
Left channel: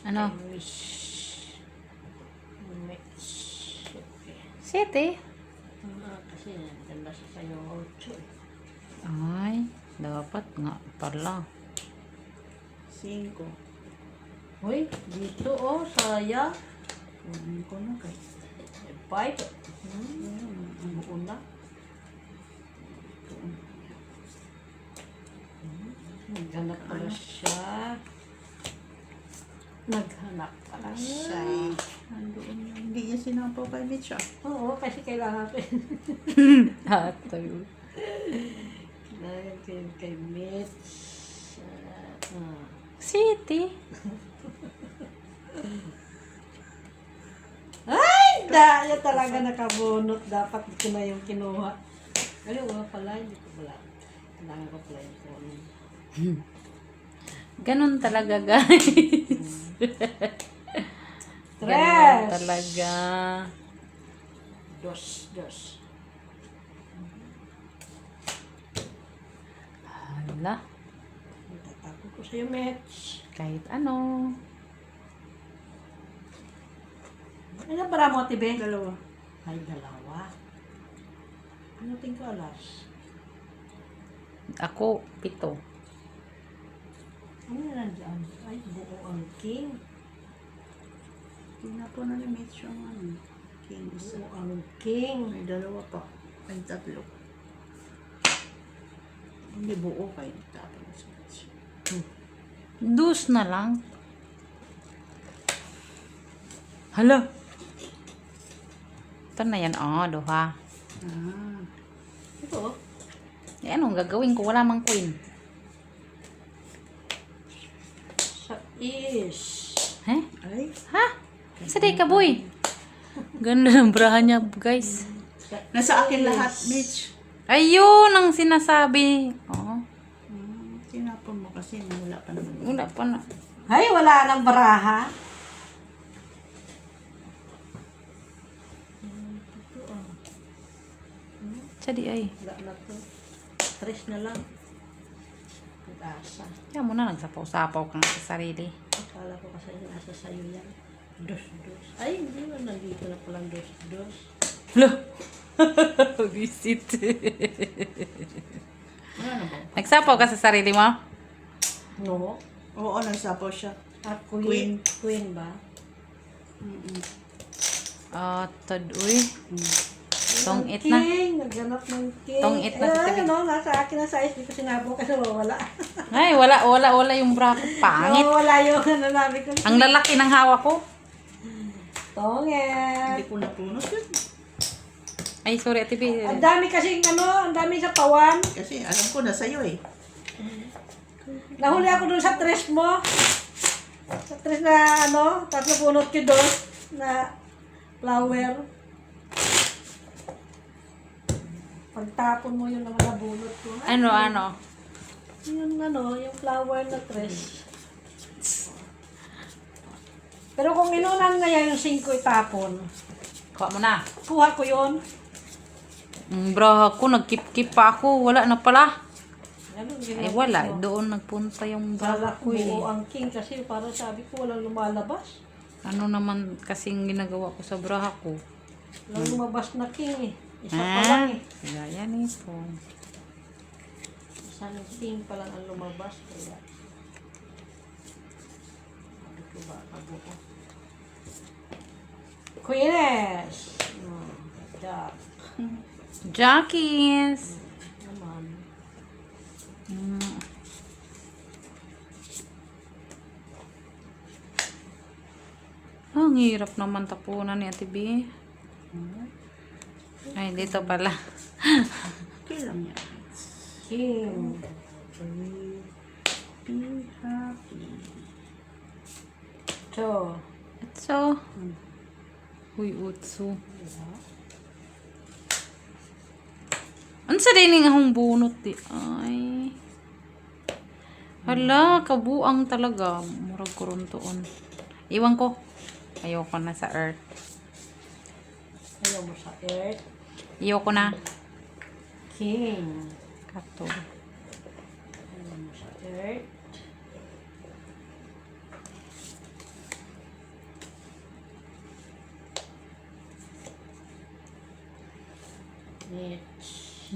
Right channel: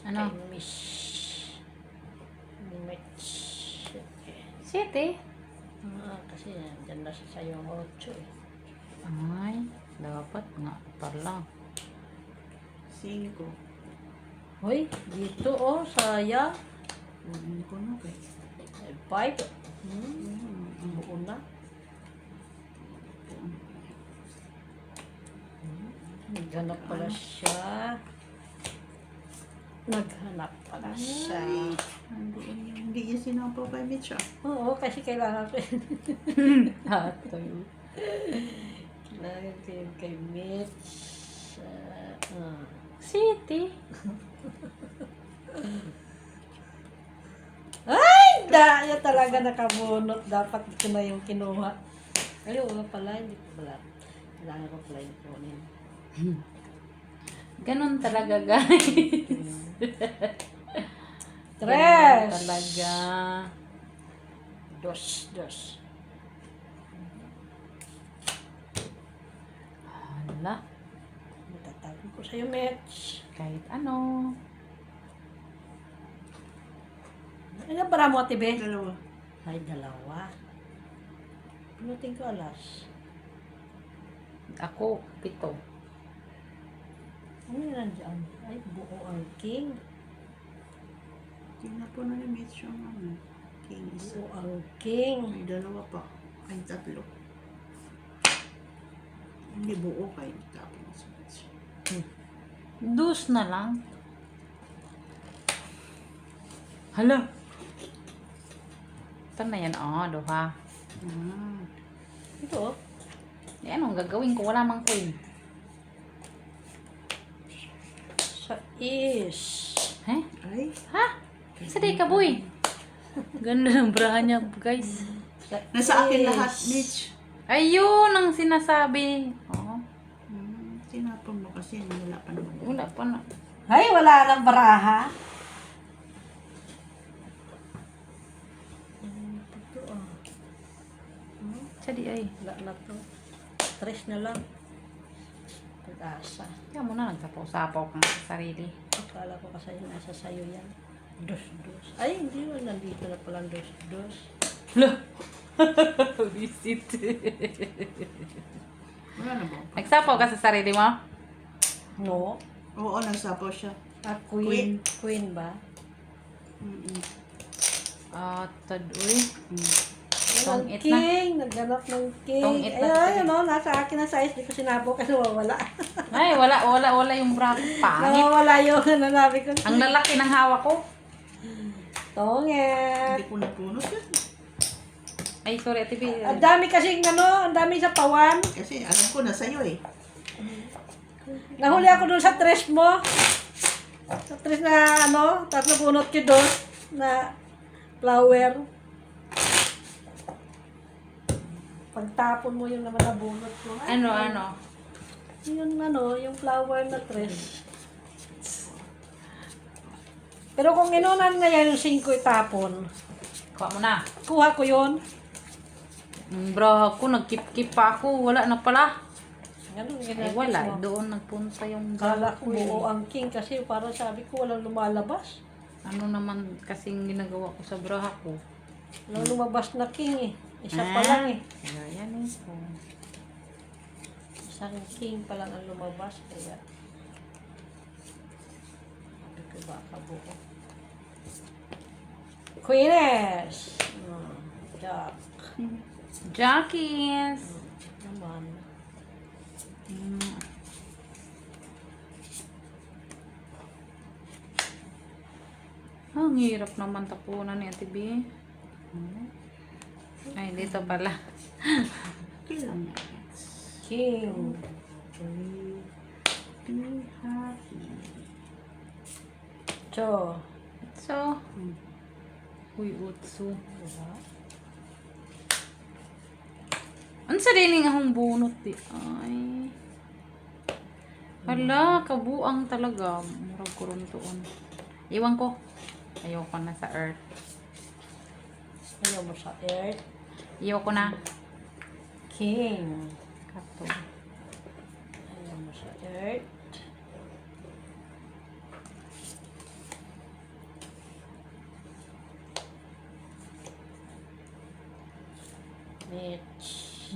Ano? Kay Miss. Okay. 7? Kasi nandyan na siya sa'yo 8 eh. Ay, dapat nga pala. 5. Hoy, dito oh, sayang. Kunin ko na kay. 5. Ang buo na. Naghanap pala siya. Naghanap pala siya. Andoon yun. Hindi niya sinampaw kay Mitch ah. Oo, kasi kailangan ko yun. Hatayo. Kailangan ko yun kay Mitch. 7? Ay! Daya talaga nakabunot. Dapat ko na yung kinuha. Ay, wala pala. Hindi ko pala. Kailangan ko pala yung kunin. Ganon talaga guys. Ganon talaga. Dos. Hala. Matatapon ko sa'yo, Mitch. Kahit ano. Ano para mo, Tibe? 2. Ay, 2. Ano ko alas? Ako, 7. Ano yan nandyan? Ay, buo ang king. Tingnan po na ni Mitch yung ano. King isa. Buo ang king. May 2 pa. Ay, 3. Hindi buo kay tapon sa Mitch. 2 na lang. Hala. Ito na yan. Oh, 2. Ito, oh. Eh, anong gagawin ko? Wala mang queen. Sa is. Eh? Ay, Ha? Saday ka, boy. Ganda ng braha niya, guys. nasa akin lahat, Mitch. Ayun ang sinasabi. Oh, Tinapon mo kasi wala pa naman. wala pa na. Ay, wala nang baraha. Sadi ay. Wala na to. 3 na lang. Pag-asa. Kaya mo na nagsapaw-sapaw kang sa sarili. Akala ko kasi nasa sayo yan. 2. Ay, hindi mo. Nandito na palang 2. Hala. Visit. Wala na ba? Nagsapaw ka sa sarili mo? No. Oo, nagsapaw siya. Ah, queen. Queen ba? Tadoy. Tong it na. King. Nagganap ng king. Tong it na sa Ay, tabi. ano, nasa akin na size. Hindi ko sinabo kasi wala. Ay, wala yung bra. Pangit. Nawawala yung nanabi ko. Ang lalaki ng hawak ko. Tongit. Hindi ko napunot yun. Ay, sorry, Ate B. Ang dami kasing ang dami sa pawan. Kasi alam ko na sa'yo eh. Nahuli ako doon sa tres mo. Sa tres na tatlo punot ko doon na flower. Pagtapon mo yung naman nabunot ko. Ano? Yung flower na tres. Pero kung inunan na yan yung 5 itapon, Kuha mo na. kuha ko yun. Bra ako, nagkip-kip pa ako. Wala na pala. Ganun, Ay, wala. Doon nagpunta yung bra Kala ko ko buo eh. ang king kasi para sabi ko walang lumalabas. Ano naman kasing ginagawa ko sa bra ko? Walang lumabas na king eh. Isa pa lang eh. Gaya nito. Isang king pa lang ang lumabas. Kaya sabi ko baka buo. Queeness! Jack. Jackies! Naman. Ang hirap naman tapunan ni Ate B. Ay, dito pala. Okay lang yan. King. Be happy. So, So, uy, utso. Ano sa dining akong bunot di? Ay. Hala, kabuang talaga. Murag ko ron toon. Iwan ko. Ayoko na sa earth. ano mo sa earth? Ayoko na. King. Kato. Ano mo sa earth?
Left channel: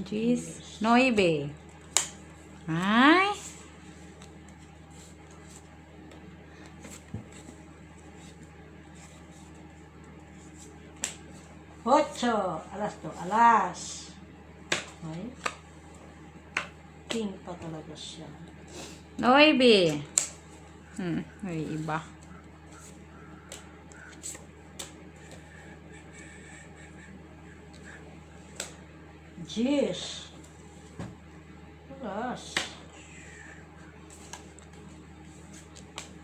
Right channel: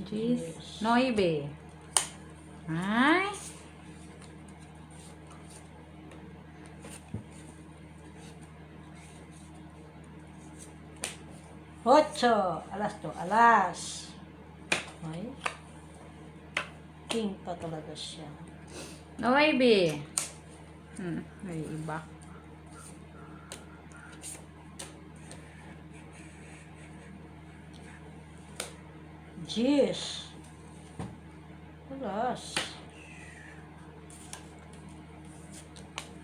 Jeez. Noibe. Ay. Ocho. Alas to. Alas. Ay. King pa talaga siya. Noibe. Ay, iba. Jeez. Alas.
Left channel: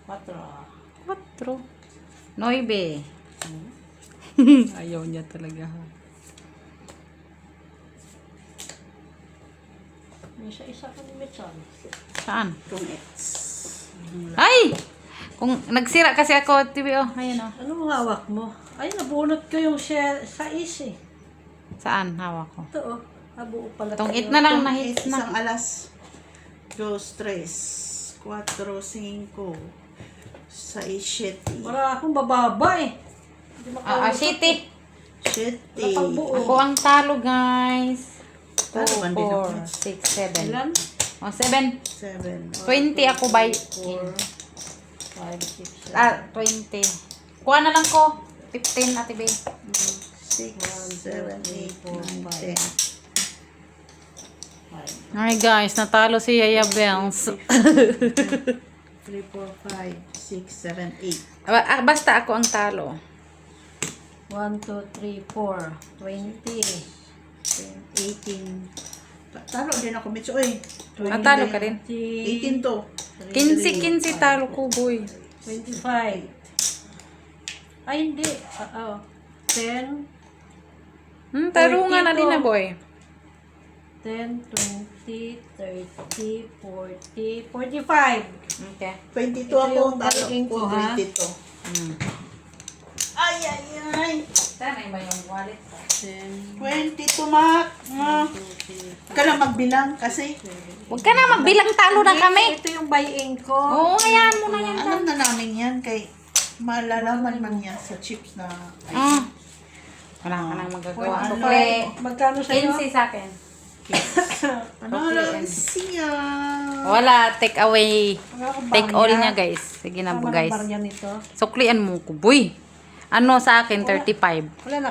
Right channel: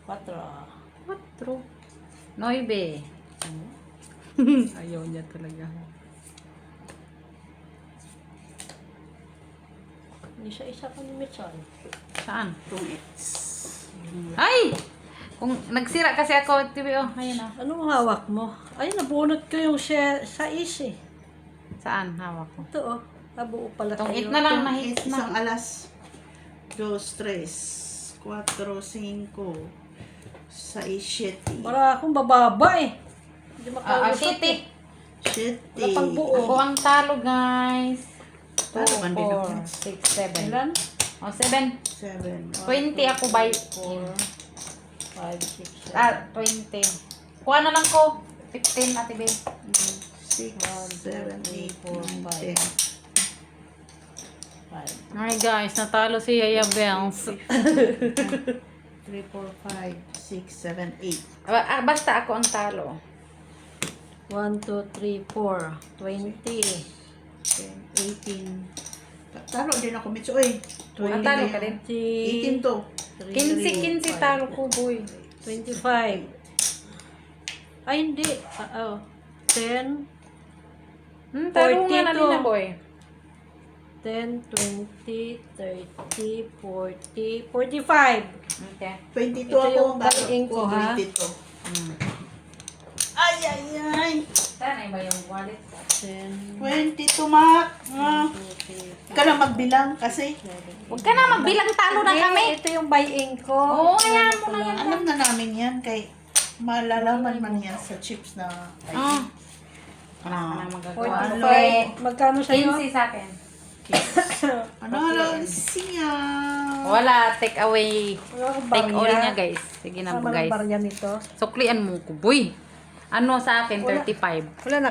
Quatro. 4. Noibe. Ayaw niya talaga. Isa-isa ko ni Mitchell. Saan? Kung it's... Ay! Kung nagsira kasi ako, TV, oh. Ayun, oh. Anong hawak mo? Ay, nabunot ko yung share sa is eh. Saan? Hawak ko. Ito oh. Nabuo pala Itong kayo. it na lang, Kung nahit it's na. isang alas. 2, 3, 4, 5, 6, 7. Wala akong bababa eh. Hindi City. 7. Napagbuo. Ako ang talo, guys. Talo man din ako. 6, 7. Ilan? O, 7. 7. 20 ako by... 4, 5, 6, 7. 20. Kuha na lang ko. 15, Ate B. 6, 7, 8, 9, 10. 5. Alright, guys. Natalo si Yaya Bells. 3, 4, 5, 6, 7, 8. Basta ako ang talo. 1, 2, 3, 4. 20. 18. Talo din ako, Mitch. Oy. Natalo ka din. 18 to. 15 talo ko, boy. 25. Ay, hindi. 10. Taro nga na 42. din na, boy. 10, 20, 30, 40, 45. Okay. 22 Ito ako. yung Talo baling ko, ko, ha? 22. Ay, ay, ay. Saan ba yung wallet? 10, 22, Mac. 2, 3, Ka lang magbilang kasi Huwag ka na magbilang, talo na kami. Ito yung buy-in ko. Oo, ayan mo na yan. alam na namin yan kay malalaman man yan sa chips na Wala ka na magagawa. Ano? Magkano sa'yo? 15 sa akin. ano lang siya. Wala, take away. Take all niya, guys. Sige na, Tama ng guys. barya nito. Suklian mo ko, boy. Ano sa akin, 35. Wala na